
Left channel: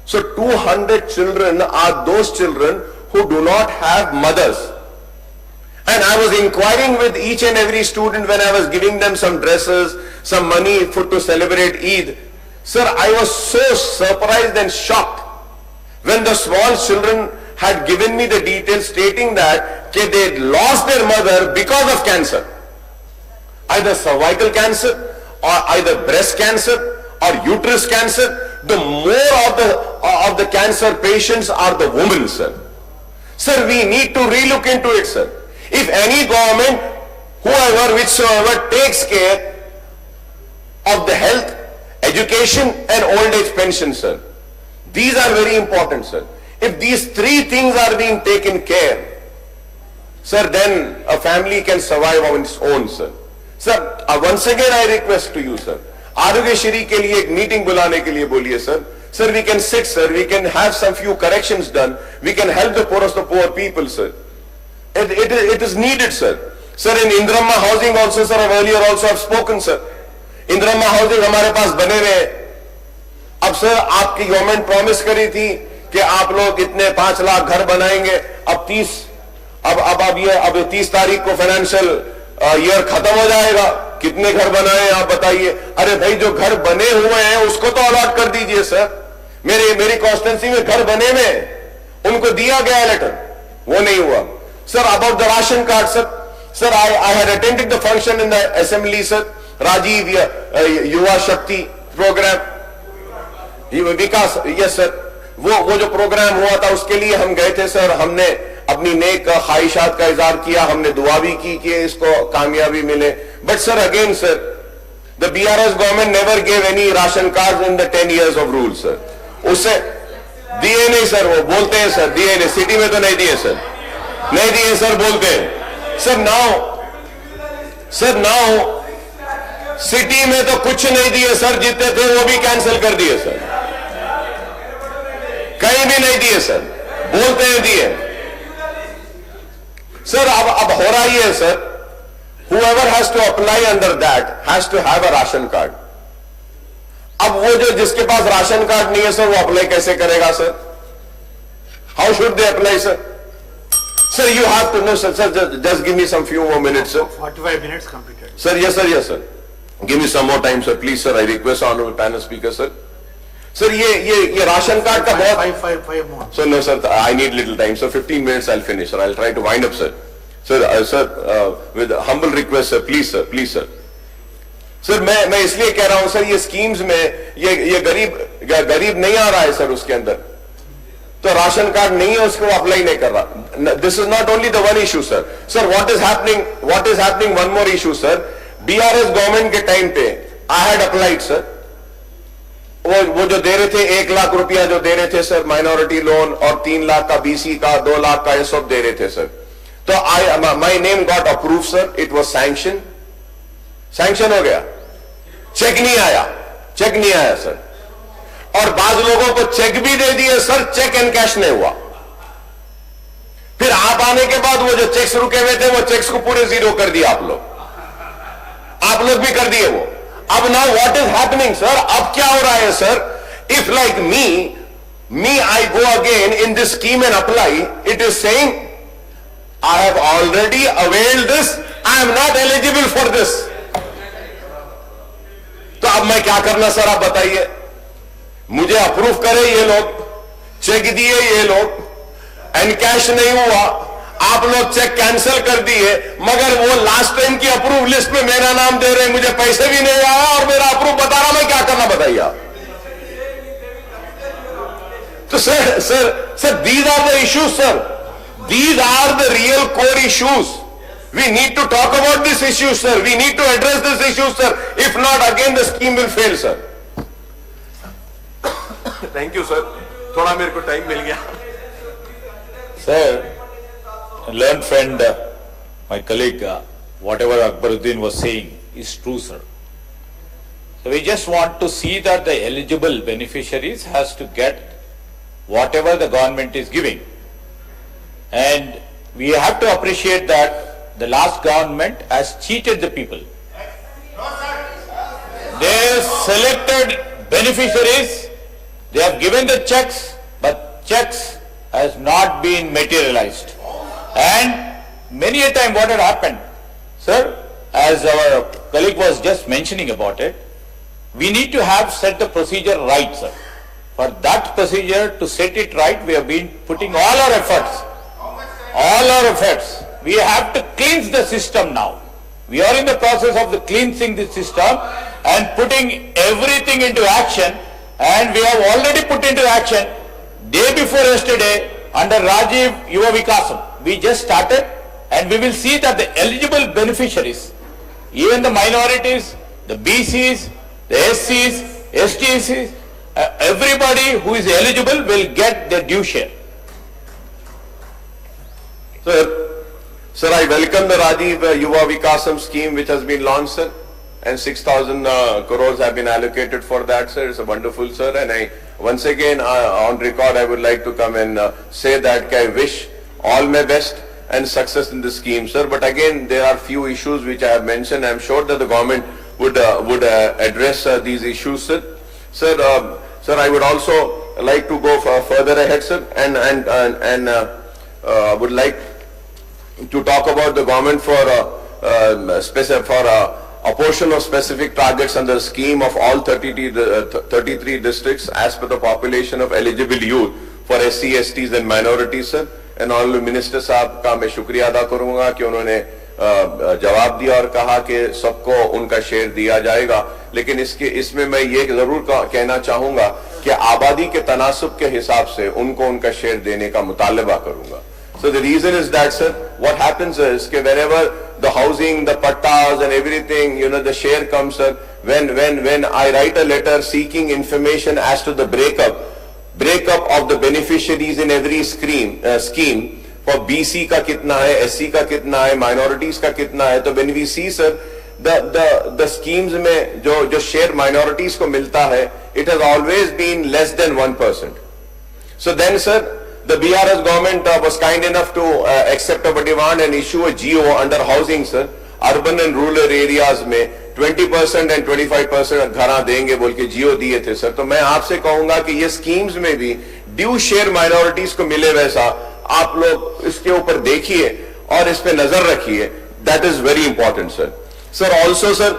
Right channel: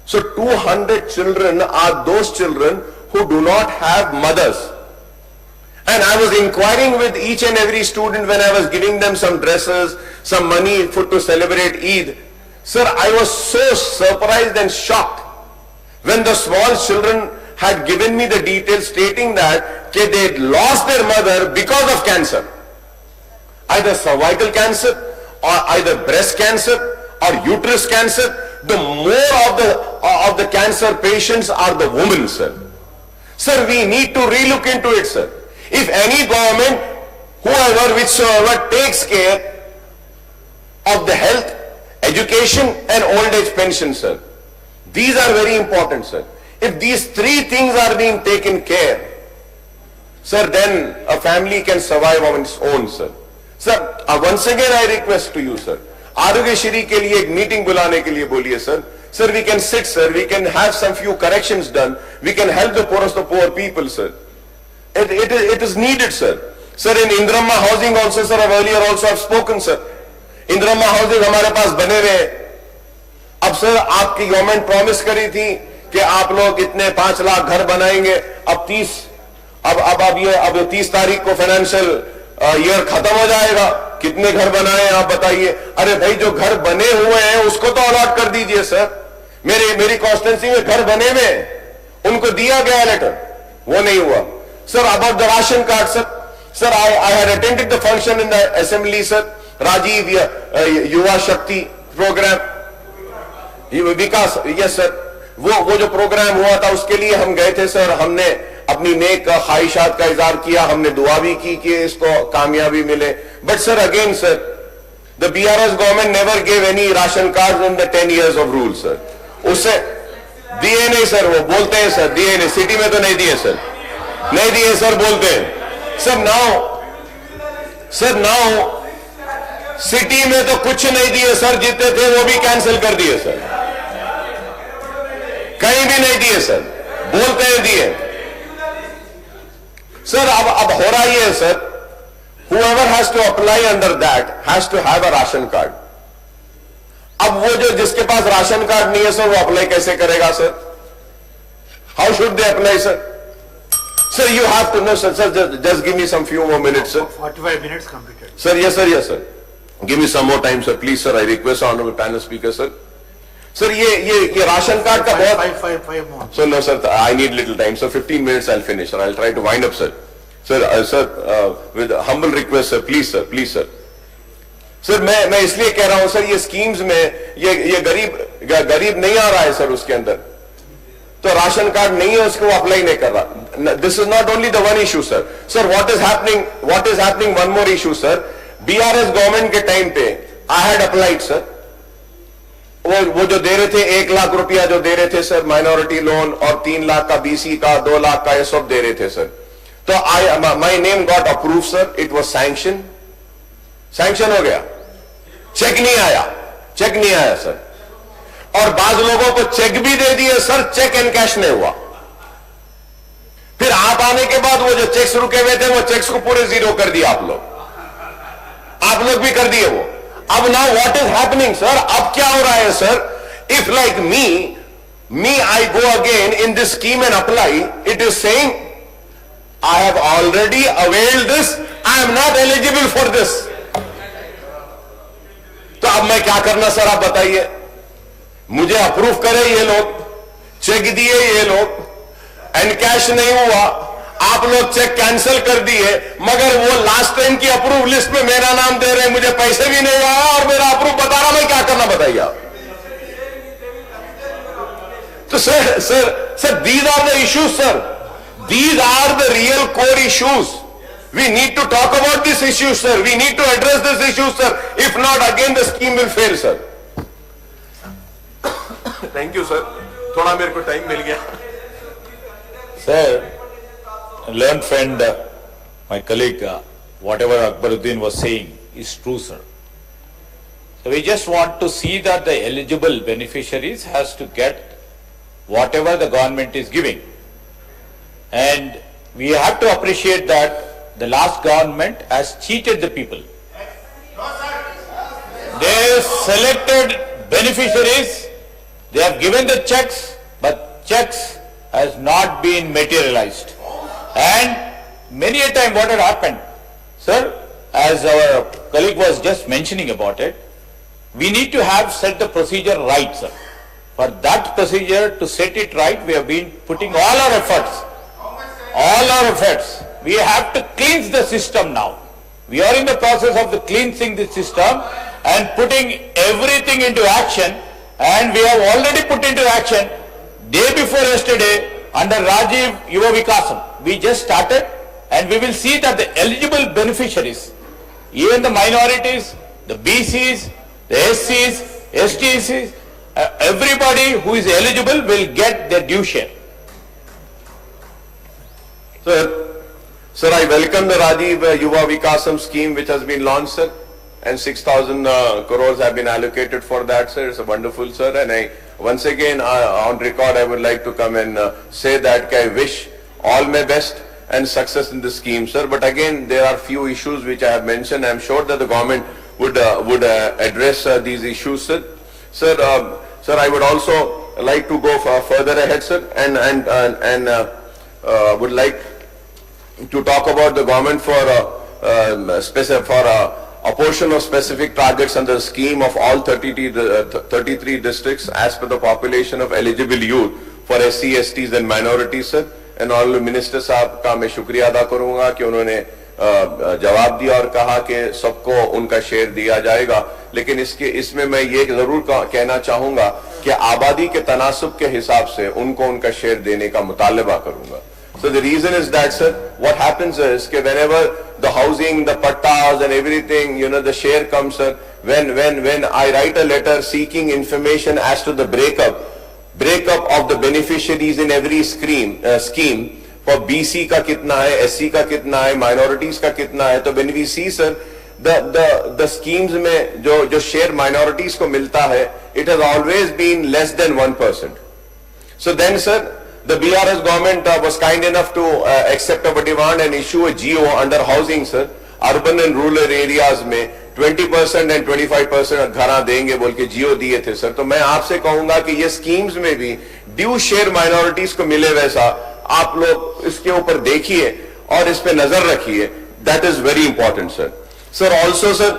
So 200 children are those children who do not have mothers. And I was inquiring with each and every student when I was giving them some dresses, some money to celebrate Eid. Sir, I was so surprised and shocked when the small children had given me the details stating that they had lost their mother because of cancer. Either cervical cancer, or either breast cancer, or uterus cancer. The more of the cancer patients are the women, sir. Sir, we need to relook into it, sir. If any government, whoever, whichsoever, takes care of the health, education and old age pension, sir, these are very important, sir. If these 3 things are being taken care, sir, then a family can survive on its own, sir. Sir, once again I request to you, sir, Arogyashri ke liye ek meeting bulane ke liye boliye, sir. Sir, we can sit, sir, we can have some few corrections done, we can help the poorest of poor people, sir. It is needed, sir. Sir, in Indramma housing also, sir, earlier also I've spoken, sir. Indramma housing हमारे पास बने हुए. अब sir आपकी government promise करी थी कि आप लोग इतने 5 लाख घर बनाएंगे. अब 30 तारीख को फाइनेंशियल ईयर खत्म हो जाएगा. कितने घर बनाए आप बताइए. अरे भाई, जो घर बने हुए हैं उसको तो अलॉट कर दीजिए, सर. मेरी कॉन्स्टिट्यूंसी में घर बने हुए, उनको दिया गया लेटर, वो नहीं हुआ. Sir, about the ration card, sir. Sir, I had attended the function in the assembly, sir. Rajiv Yuva Shakti program. Vikas, yes, sir. वो जो प्रोग्राम हुआ था उसके लिए हम गए थे, सर. हमने अपनी नेक ख्वाहिशात का इजहार किया, हमने दुआ भी की कि इसको कामयाबी मिले. But sir again sir, the BRS government never gave any ration card in the 10 years of rule sir. उससे दिए नहीं सर, वो बोलते हैं सर दिए नहीं, सिटी में तो नहीं दिए सर, नहीं दिए सर बोलते हैं सर. नाउ सिटी में तो कुछ नहीं दिए सर, जितने थे वो भी कैंसिल कर दिए सर, कहीं भी नहीं दिए सर, बोलते हैं दिए सर. अब हो रहा ही है sir, whoever has to apply under that has to have a ration card. अब वो जो जिसके पास राशन कार्ड नहीं है सर, वो अप्लाई कैसे करेगा sir? How should they apply sir? Sir you have to know sir. Just give me some few more minutes sir. 45 minutes completed. Sir yes sir, yes sir, give me some more time sir please sir. I request honourable panel speaker sir. Sir ये ration card का बहुत five more. Sir. No sir, I need little time sir. 15 minutes I will finish sir. I will try to wind up sir. Sir with humble request sir, please sir, please sir. Sir मैं इसलिए कह रहा हूं sir, ये schemes में ये गरीब नहीं आ रहा है सर, उसके अंदर तो राशन कार्ड नहीं है, उसको अप्लाई नहीं कर रहा. This is not only the one issue sir. Sir what is happening one more issue sir. BRS government के टाइम पे आई हैड अप्लाइड सर. वो जो दे रहे थे 1 लाख रुपया जो दे रहे थे सर माइनॉरिटी लोन, और 3 लाख का BC का, 2 लाख का, ये सब दे रहे थे सर. तो my name got approve sir. It was sanction हो गया, चेक नहीं आया सर. और बाज लोगों को चेक भी दे दिए सर, चेक एंड कैश नहीं हुआ. फिर आप आने के बाद वो जो चेक्स रुके हुए थे, वो चेक्स को पूरे जीरो कर दिया आप लोग भी कर दिए वो. अब now what is happening sir? अब क्या हो रहा है sir? If like me I go again in this scheme and apply, it is saying I have already availed this, I am not eligible for this. तो अब मैं क्या करना सर, आप बताइए. मुझे अप्रूव करे ये लोग, चेक दिए ये लोग, एंड कैश नहीं हुआ, आप लोग चेक कैंसिल कर दिए, मगर वो लास्ट टाइम की अप्रूव लिस्ट में मेरा नाम दे रहे हैं, मुझे पैसे भी नहीं आया और मेरा अप्रूव बता रहा, मैं क्या करना बताइए आप. तो sir these are the issues sir, these are the real core issues. We need to talk about this issue, sir. We need to address this issue, sir. If not, again the scheme will fail, sir. Thank you, sir. थोड़ा मेरे को time मिल गया. Sir, learned friend, my colleague, whatever Akbaruddin was saying is true, sir. So we just want to see that the eligible beneficiaries has to get whatever the government is giving, and we have to appreciate that the last government has cheated the people. They selected beneficiaries, they have given the checks, but checks has not been materialized. And many a time what had happened, sir, as our colleague was just mentioning about it, we need to have set the procedure right, sir. For that procedure to set it right, we have been putting all our efforts. We have to cleanse the system now. We are in the process of the cleansing the system and putting everything into action, and we have already put into action day before yesterday under Rajiv Yuva Vikasam. We just started, and we will see that the eligible beneficiaries, even the minorities, the BCs, the SCs, STs, everybody who is eligible will get their due share. Sir, I welcome the Rajiv Yuva Vikasam scheme which has been launched, sir, and 6,000 crores have been allocated for that, sir. It's a wonderful, sir, and I once again on record I would like to come and say that I wish all my best and success in this scheme, sir. But again, there are few issues which I have mentioned. I am sure that the government would address these issues, sir. Sir, I would also like to go further ahead, sir, and would like to talk about the government for a portion of specific targets under the scheme of all 33 districts as per the population of eligible youth for SC, STs and minorities, sir. And all minister साहब का मैं शुक्रिया अदा करूंगा कि उन्होंने जवाब दिया और कहा कि सबको उनका शेयर दिया जाएगा. लेकिन इसमें मैं ये जरूर कहना चाहूंगा कि आबादी के तनासुब के हिसाब से उनको उनका शेयर देने का मुतालबा करूंगा. So the reason is that, sir, what happens is that whenever the housing, the pattas and everything, the share comes, sir, when I write a letter seeking information as to the breakup of the beneficiaries in every scheme for BC का कितना है, SC का कितना है, minorities का कितना है, तो when we see, sir, the schemes में जो share minorities को मिलता है, it has always been less than 1%. So then, sir, the BRS government was kind enough to accept our demand and issue a GO under housing, sir, urban and rural areas में 20% and 25% घरा देंगे बोल के GO दिए थे, sir. तो मैं आपसे कहूंगा कि ये स्कीम्स में भी ड्यू शेयर माइनॉरिटीज को मिले वैसा आप लोग इसके ऊपर देखिए और इस पे नजर रखिए. That is very important, sir. Sir, also, sir,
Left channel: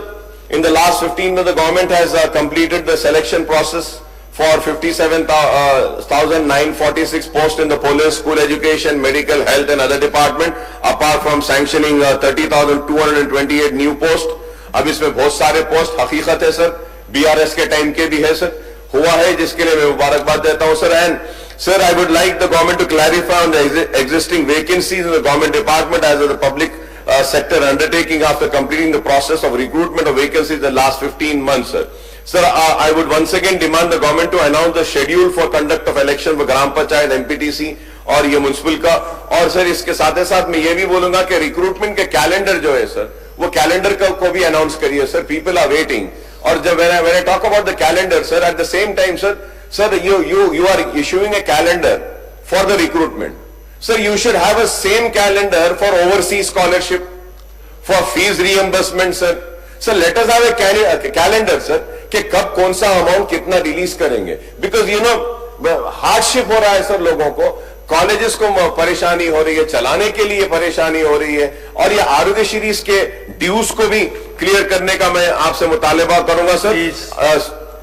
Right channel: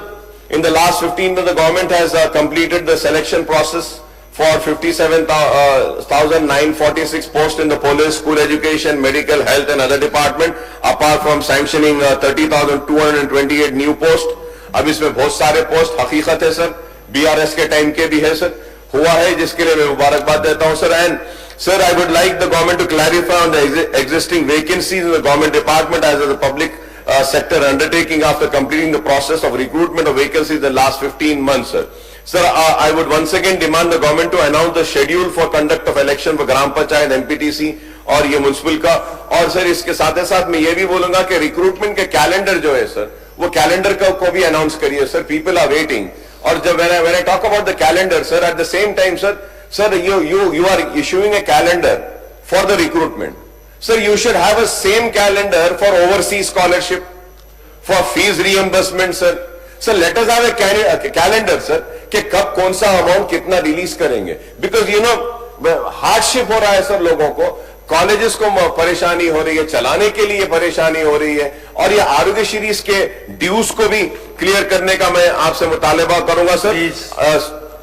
in the last 15 months, the government has completed the selection process for 57,946 posts in the police, school education, medical, health and other department, apart from sanctioning 30,228 new posts. अब इसमें बहुत सारे post हकीकत है, sir, BRS के time के भी है, सर, हुआ है, जिसके लिए मैं मुबारकबाद देता हूं, sir. And sir, I would like the government to clarify on the existing vacancies in the government department as the public sector undertaking after completing the process of recruitment of vacancies in the last 15 months, sir. Sir, I would once again demand the government to announce the schedule for conduct of election for Gram Panchayat, MPTC और ये municipal का. और sir इसके साथ साथ मैं ये भी बोलूंगा कि रिक्रूटमेंट के कैलेंडर जो है, सर, वो कैलेंडर को भी अनाउंस करिए, सर. People are waiting. और जब when I talk about the calendar, sir, at the same time, sir, you are issuing a calendar for the recruitment. Sir, you should have a same calendar for overseas scholarship, for fees reimbursement, sir. Sir, let us have a calendar, sir, कि कब कौन सा amount कितना release करेंगे. Because hardship हो रहा है, sir, लोगों को, कॉलेजेस को परेशानी हो रही है, चलाने के लिए परेशानी हो रही है, और ये आरोग्य सीरीज के ड्यूज को भी क्लियर करने का मैं आपसे मुतालबा करूंगा, sir.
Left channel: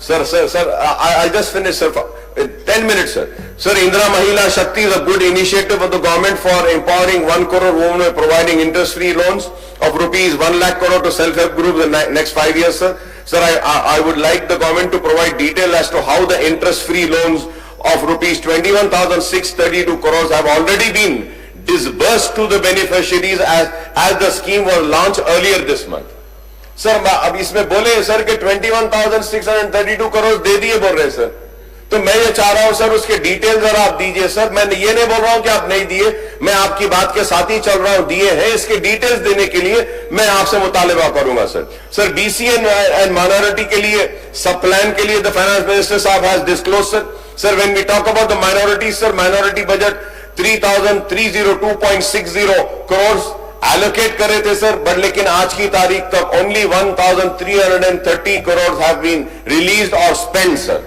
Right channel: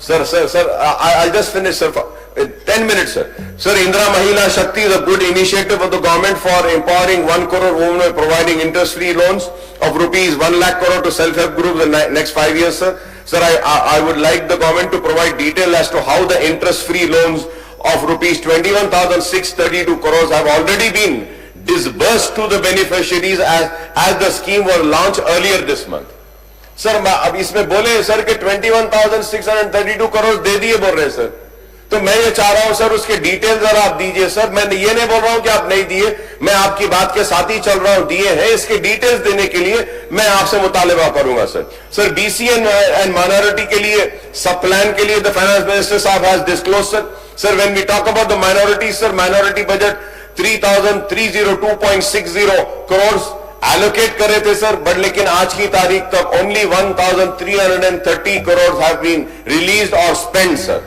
Sir, I'll just finish, sir, for 10 minutes, sir. Sir, Indra Mahila Shakti is a good initiative of the government for empowering 1 crore women by providing interest-free loans of rupees 1 lakh crore to self-help groups in the next 5 years, sir. Sir, I would like the government to provide detail as to how the interest-free loans of rupees 21,632 crores have already been disbursed to the beneficiaries as the scheme was launched earlier this month. Sir, अब इसमें बोले, sir, कि 21,632 करोड़ दे दिए बोल रहे, sir. तो मैं ये चाह रहा हूं, सर, उसके डिटेल जरा आप दीजिए, सर. मैं ये नहीं बोल रहा हूं कि आप नहीं दिए, मैं आपकी बात के साथ ही चल रहा हूं, दिए हैं. इसके डिटेल्स देने के लिए मैं आपसे मुतालबा करूंगा, sir. Sir, BC and minority के लिए सब प्लान के लिए द फाइनेंस मिनिस्टर साहब has disclose, sir. Sir, when we talk about the minority, sir, minority budget 3,302.60 crore allocate करे थे, सर, बट लेकिन आज की तारीख तक only 1,330 crore have been released और स्पेंड, सर.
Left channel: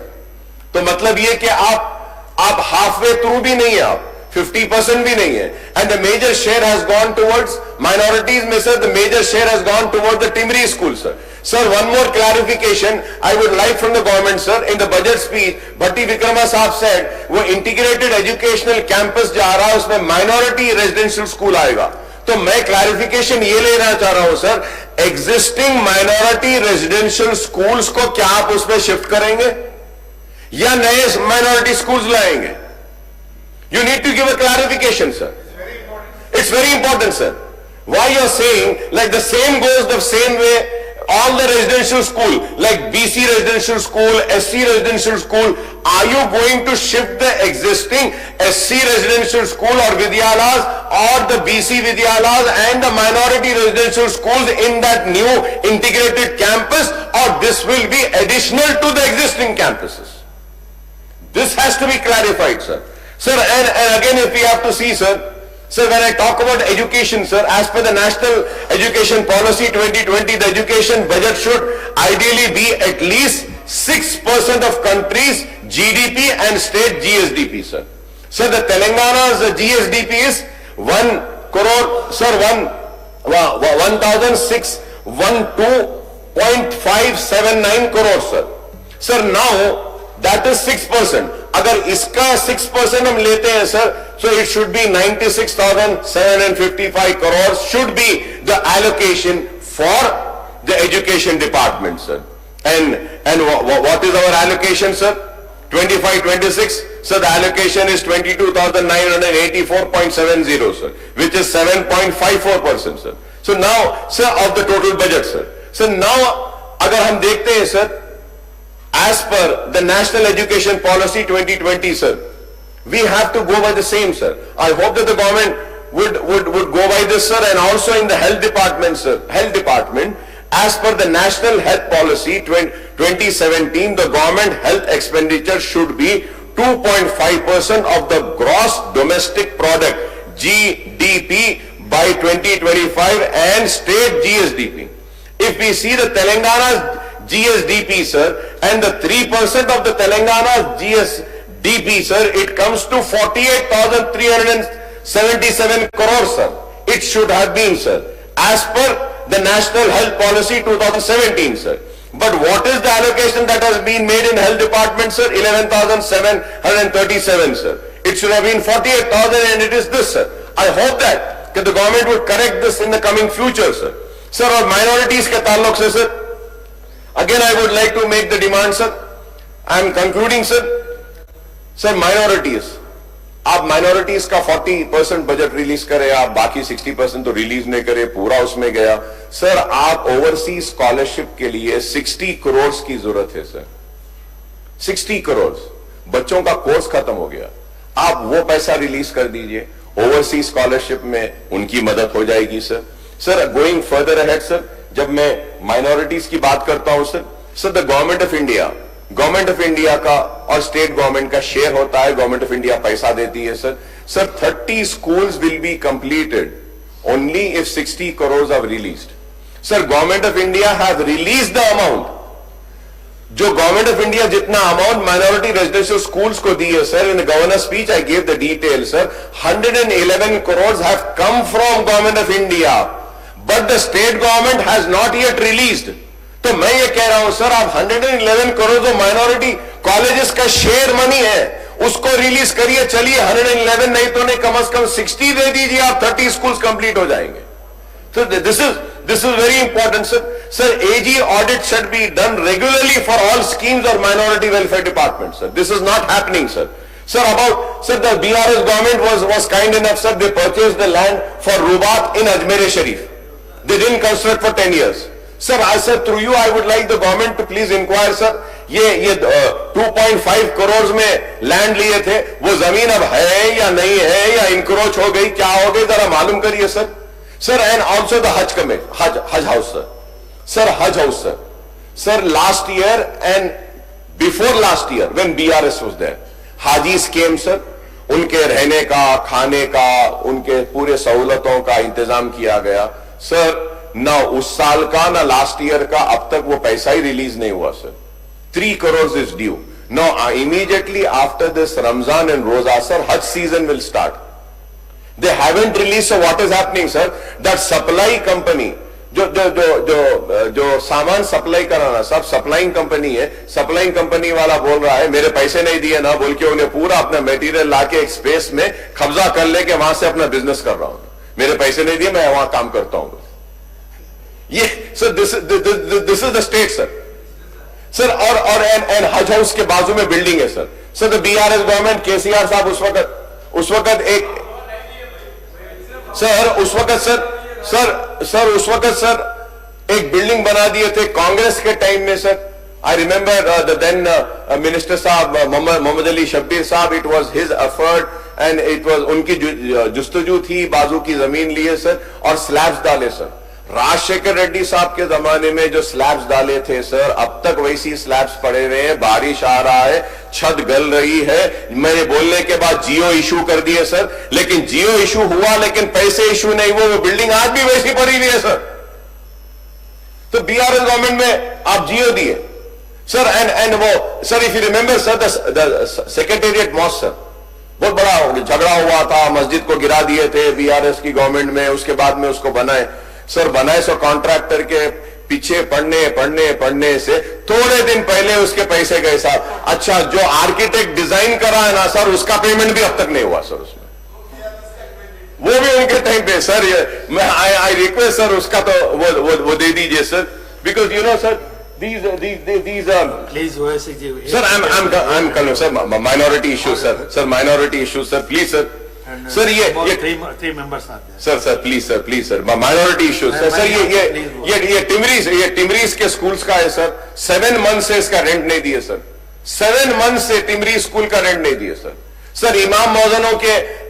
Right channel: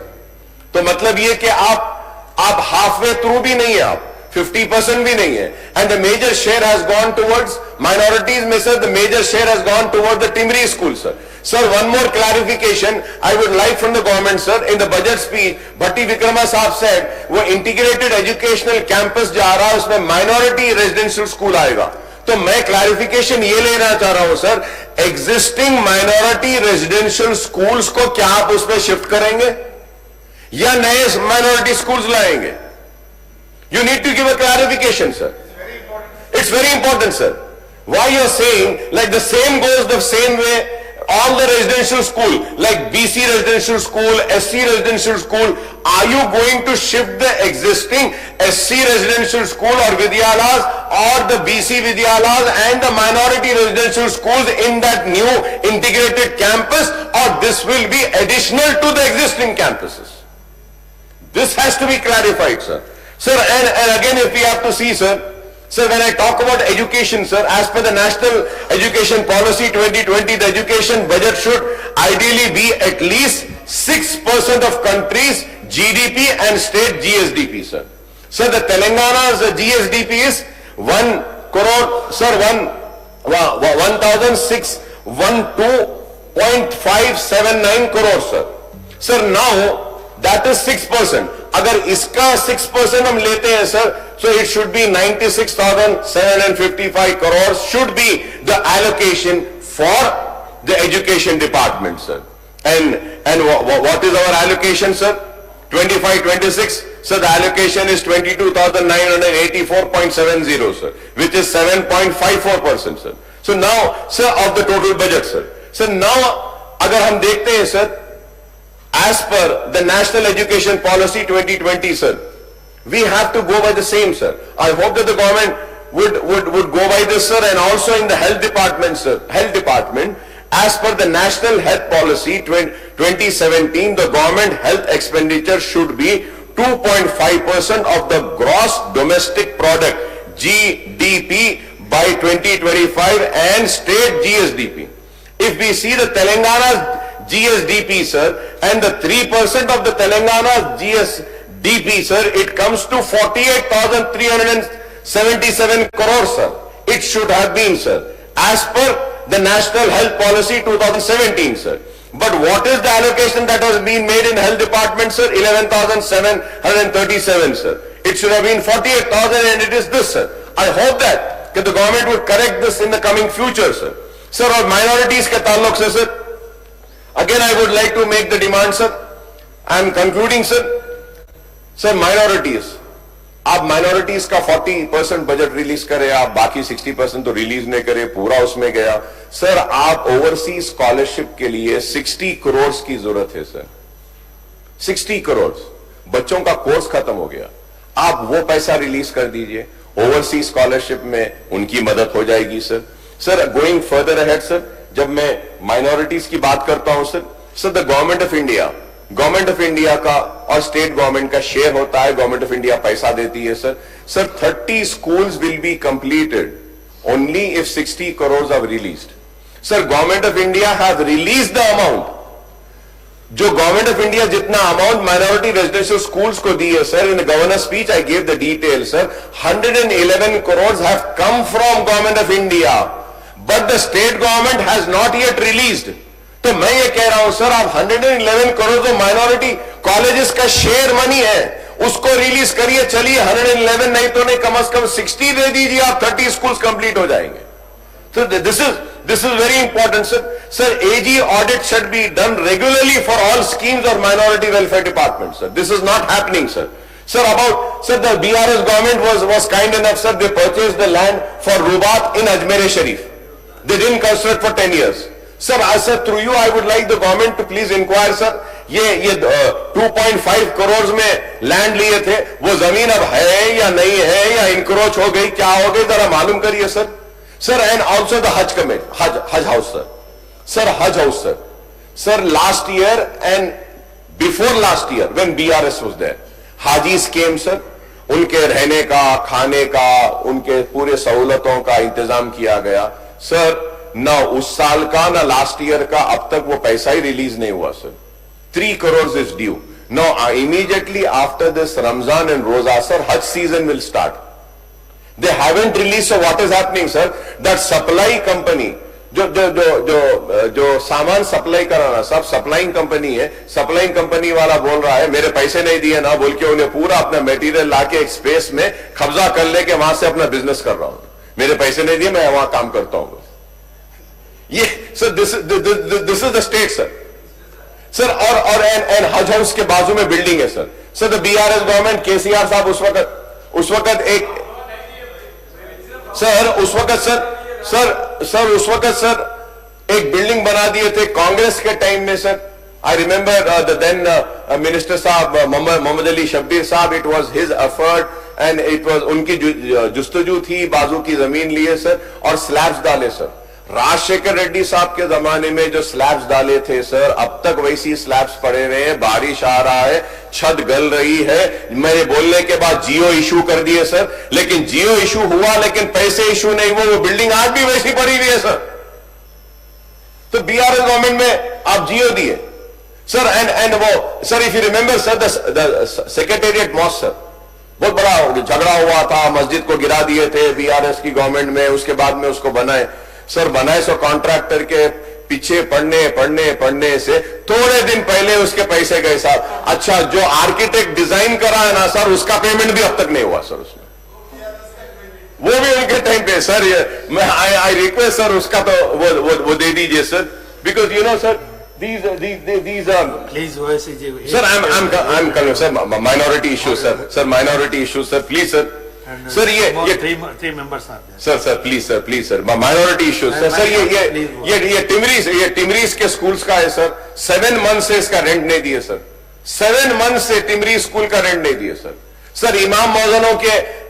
तो मतलब ये कि आप हाफवे थ्रू भी नहीं है, आप 50% भी नहीं है. And the major share has gone towards minorities में, sir, the major share has gone towards the primary school, sir. Sir, one more clarification I would like from the government, sir. In the budget speech, Bhatti Vikrama साहब said वो integrated educational campus जा रहा है, उसमें minority residential school आएगा. तो मैं clarification ये लेना चाह रहा हूं, sir, existing minority residential schools को क्या आप उसमें शिफ्ट करेंगे या नए माइनॉरिटी स्कूल्स लाएंगे? You need to give a clarification, sir. It's very important, sir. Why you are saying like the same goes the same way all the residential school, like BC residential school, SC residential school, are you going to shift the existing SC residential school or Vidyalas or the BC Vidyalas and the minority residential schools in that new integrated campus, or this will be additional to the existing campuses? This has to be clarified, sir. Sir, and again, if we have to see, sir, when I talk about education, sir, as per the National Education Policy 2020, the education budget should ideally be at least 6% of country's GDP and state GSDP, sir. Sir, the Telangana's GSDP is 1 crore, sir, 1,612.579 crores, sir. Sir, now that is 6%. अगर इसका 6% हम लेते हैं, sir, so it should be 96,755 crores should be the allocation for the education department, sir. And what is our allocation, sir? 25-26, so the allocation is 22,984.70, sir, which is 7.54%, sir. So now, sir, of the total budget, sir. So now, अगर हम देखते हैं, sir, as per the National Education Policy 2020, sir, we have to go by the same, sir. I hope that the government would go by this, sir, and also in the health department, sir, as per the National Health Policy 2017, the government health expenditure should be 2.5% of the gross domestic product, GDP, by 2025 and state GSDP. If we see the Telangana's GSDP, sir, and the 3% of the Telangana's GSDP, sir, it comes to 48,377 crores, sir. It should have been, sir, as per the National Health Policy 2017, sir. But what is the allocation that has been made in health department, sir? 11,737, sir. It should have been 48,000 and it is this, sir. I hope that the government would correct this in the coming future, sir. Sir, और minorities के ताल्लुक से, sir, again I would like to make the demand, sir. I am concluding, sir. Sir, minorities. आप minorities का 40% budget release करें, आप बाकी 60% तो रिलीज नहीं करें, पूरा उसमें गया. सर, आप ओवरसीज स्कॉलरशिप के लिए 60 करोड़ की जरूरत है, सर. 60 करोड़ बच्चों का कोर्स खत्म हो गया, आप वो पैसा रिलीज कर दीजिए. ओवरसीज स्कॉलरशिप में उनकी मदद हो जाएगी, sir. Sir, going further ahead, sir, जब मैं माइनॉरिटीज की बात करता हूं, sir, the government of India का और स्टेट गवर्नमेंट का शेयर होता है. गवर्नमेंट ऑफ इंडिया पैसा देती है, sir. 30 schools will be completed only if 60 crores are released. Sir, government of India has released the amount. जो गवर्नमेंट ऑफ इंडिया जितना अमाउंट माइनॉरिटी रेजिडेंशियल स्कूल्स को दी है, sir, in governor speech I gave the detail, sir. 111 crores have come from government of India, but the state government has not yet released. तो मैं ये कह रहा हूं, sir, आप 111 करोड़ जो माइनॉरिटी कॉलेजेस का शेयर मनी है उसको रिलीज करिए. चलिए 111 नहीं तो नहीं, कम से कम 60 दे दीजिए, आप 30 स्कूल्स कंप्लीट हो जाएंगे. So this is very important, sir. Sir, AG audit should be done regularly for all schemes or minority welfare departments, sir. This is not happening, sir. Sir, the BRS government was kind enough, sir. They purchased the land for Rubat in Ajmer Sharif. They didn't construct for 10 years. Sir, through you, I would like the government to please inquire, sir. ये 2.5 करोड़ में land लिए थे, वो जमीन अब है या नहीं है, या इंक्रोच हो गई, क्या हो गई, जरा मालूम करिए, sir. Sir, and also the Hajj Committee, Hajj House, sir. Sir, Hajj House, sir. Sir, last year and before last year, when BRS was there, Hajis came, sir. उनके रहने का, खाने का, उनके पूरे सहूलतों का इंतजाम किया गया. Sir, ना उस साल का ना लास्ट ईयर का अब तक वो पैसा ही रिलीज नहीं हुआ, sir. 3 crores is due. Now, immediately after this Ramzan and Roza, sir, Hajj season will start. They haven't released, so what is happening, sir? That supply company, जो सामान सप्लाई कराना, सब सप्लाइंग कंपनी है. Supplying company वाला बोल रहा है मेरे पैसे नहीं दिए ना, बोल के उन्हें पूरा अपना मटेरियल लाके एक स्पेस में कब्जा कर लेके वहां से अपना बिजनेस कर रहा हूं. मेरे पैसे नहीं दिए, मैं वहां काम करता हूं. ये sir, this is the state, sir. Sir, और एंड हज हाउस के बाजू में बिल्डिंग है, sir. Sir, the BRS government, KCR साहब उस वक्त एक उस वक्त एक बिल्डिंग बना दिए थे कांग्रेस के टाइम में, sir. I remember the then minister साहब मोहम्मद अली शब्बीर साहब. It was his effort and it was उनकी जुस्तजू थी, बाजू की जमीन लिए, सर, और स्लैब्स डाले, सर. राजशेखर रेड्डी साहब के जमाने में जो स्लैब्स डाले थे, सर, अब तक वैसी स्लैब्स पड़े हुए हैं. बारिश आ रहा है, छत गल रही है. मेरे बोलने के बाद जियो इशू कर दिए, सर, लेकिन जियो इशू हुआ लेकिन पैसे इशू नहीं हुए. वो बिल्डिंग आज भी वैसी पड़ी हुई है, सर. तो BRS गवर्नमेंट में आप जियो दिए, सर. एंड वो, sir, if you remember, sir, the secretariat mosque, sir, बहुत बड़ा झगड़ा हुआ था, मस्जिद को गिरा दिए थे BRS की गवर्नमेंट में. उसके बाद में उसको बनाए, सर, बनाए सो कॉन्ट्रैक्टर के पीछे पढ़ने से थोड़े दिन पहले उसके पैसे गए, साहब. अच्छा, जो आर्किटेक्ट डिजाइन करा है ना, सर, उसका पेमेंट भी अब तक नहीं हुआ, सर. उसमें वो भी उनके टाइम पे, सर. मैं आई रिक्वेस्ट, सर, उसका तो वो दे दीजिए, sir. Because you know, sir, these are. Please, OSCG. Sir, I'm calling, sir, minority issue, sir. Sir, minority issue, sir. Please, sir. And, Sir, ये three members are there. sir, please, sir. Minority issue, sir. Sir, ये टिमरीज के schools का है, sir. 7 months से इसका rent नहीं दिए, sir. 7 months से टिमरीज स्कूल का रेंट नहीं दिए, सर. सर, इमाम मौजनों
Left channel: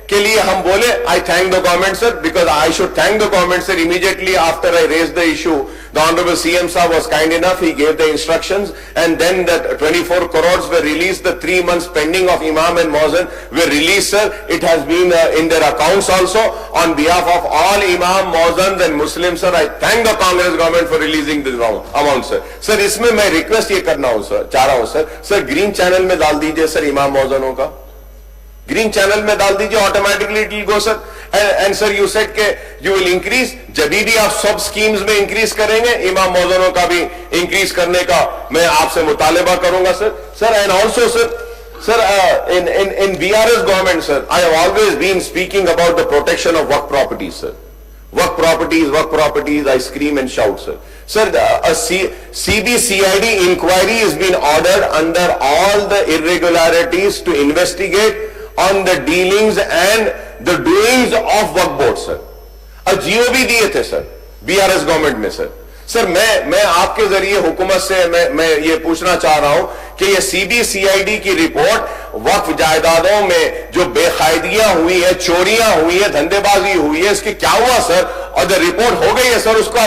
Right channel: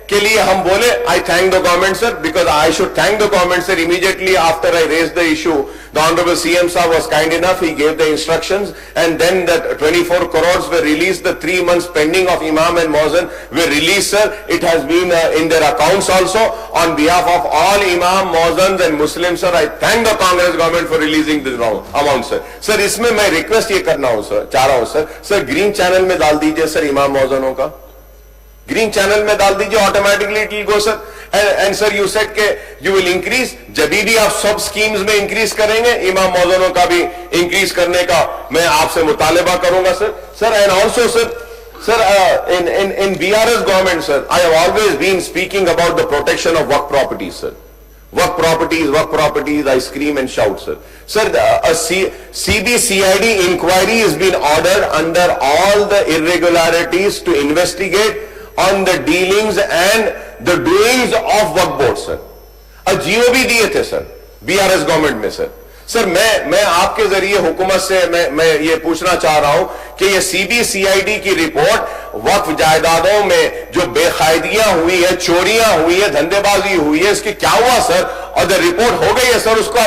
के लिए हम बोले, I thank the government, sir, because I should thank the government, sir. Immediately after I raised the issue, the Honorable CM sir was kind enough, he gave the instructions, and then that 24 crores were released, the 3 months pending of Imam and Muazzin were released, sir. It has been in their accounts also. On behalf of all Imam, Muazzins and Muslims, sir, I thank the Congress government for releasing this amount, sir. Sir, इसमें मैं request ये करना हूँ, sir, चाह रहा हूँ, sir. Sir, green channel में डाल दीजिए, sir, Imam Muazzinों का. ग्रीन चैनल में डाल दीजिए, automatically it will go, sir. And sir, you said के यू विल इंक्रीज, जब भी आप सब स्कीम्स में इंक्रीज करेंगे, इमाम मौजनों का भी इंक्रीज करने का मैं आपसे मुतालिबा करूंगा, sir. Sir, and also, sir, in BRS government, sir, I have always been speaking about the protection of work properties, sir. Work properties, I scream and shout, sir. Sir, a CBCID inquiry has been ordered under all the irregularities to investigate on the dealings and the doings of work board, sir. A GO भी दिए थे, sir, BRS government में, sir. Sir, मैं आपके जरिए हुकूमत से मैं ये पूछना चाह रहा हूं कि ये CBCID की रिपोर्ट वक्फ जायदादों में जो बेकायदियां हुई है, चोरियां हुई है, धंधेबाजी हुई है, इसकी क्या हुआ, सर? और द रिपोर्ट हो गई है, सर, उसका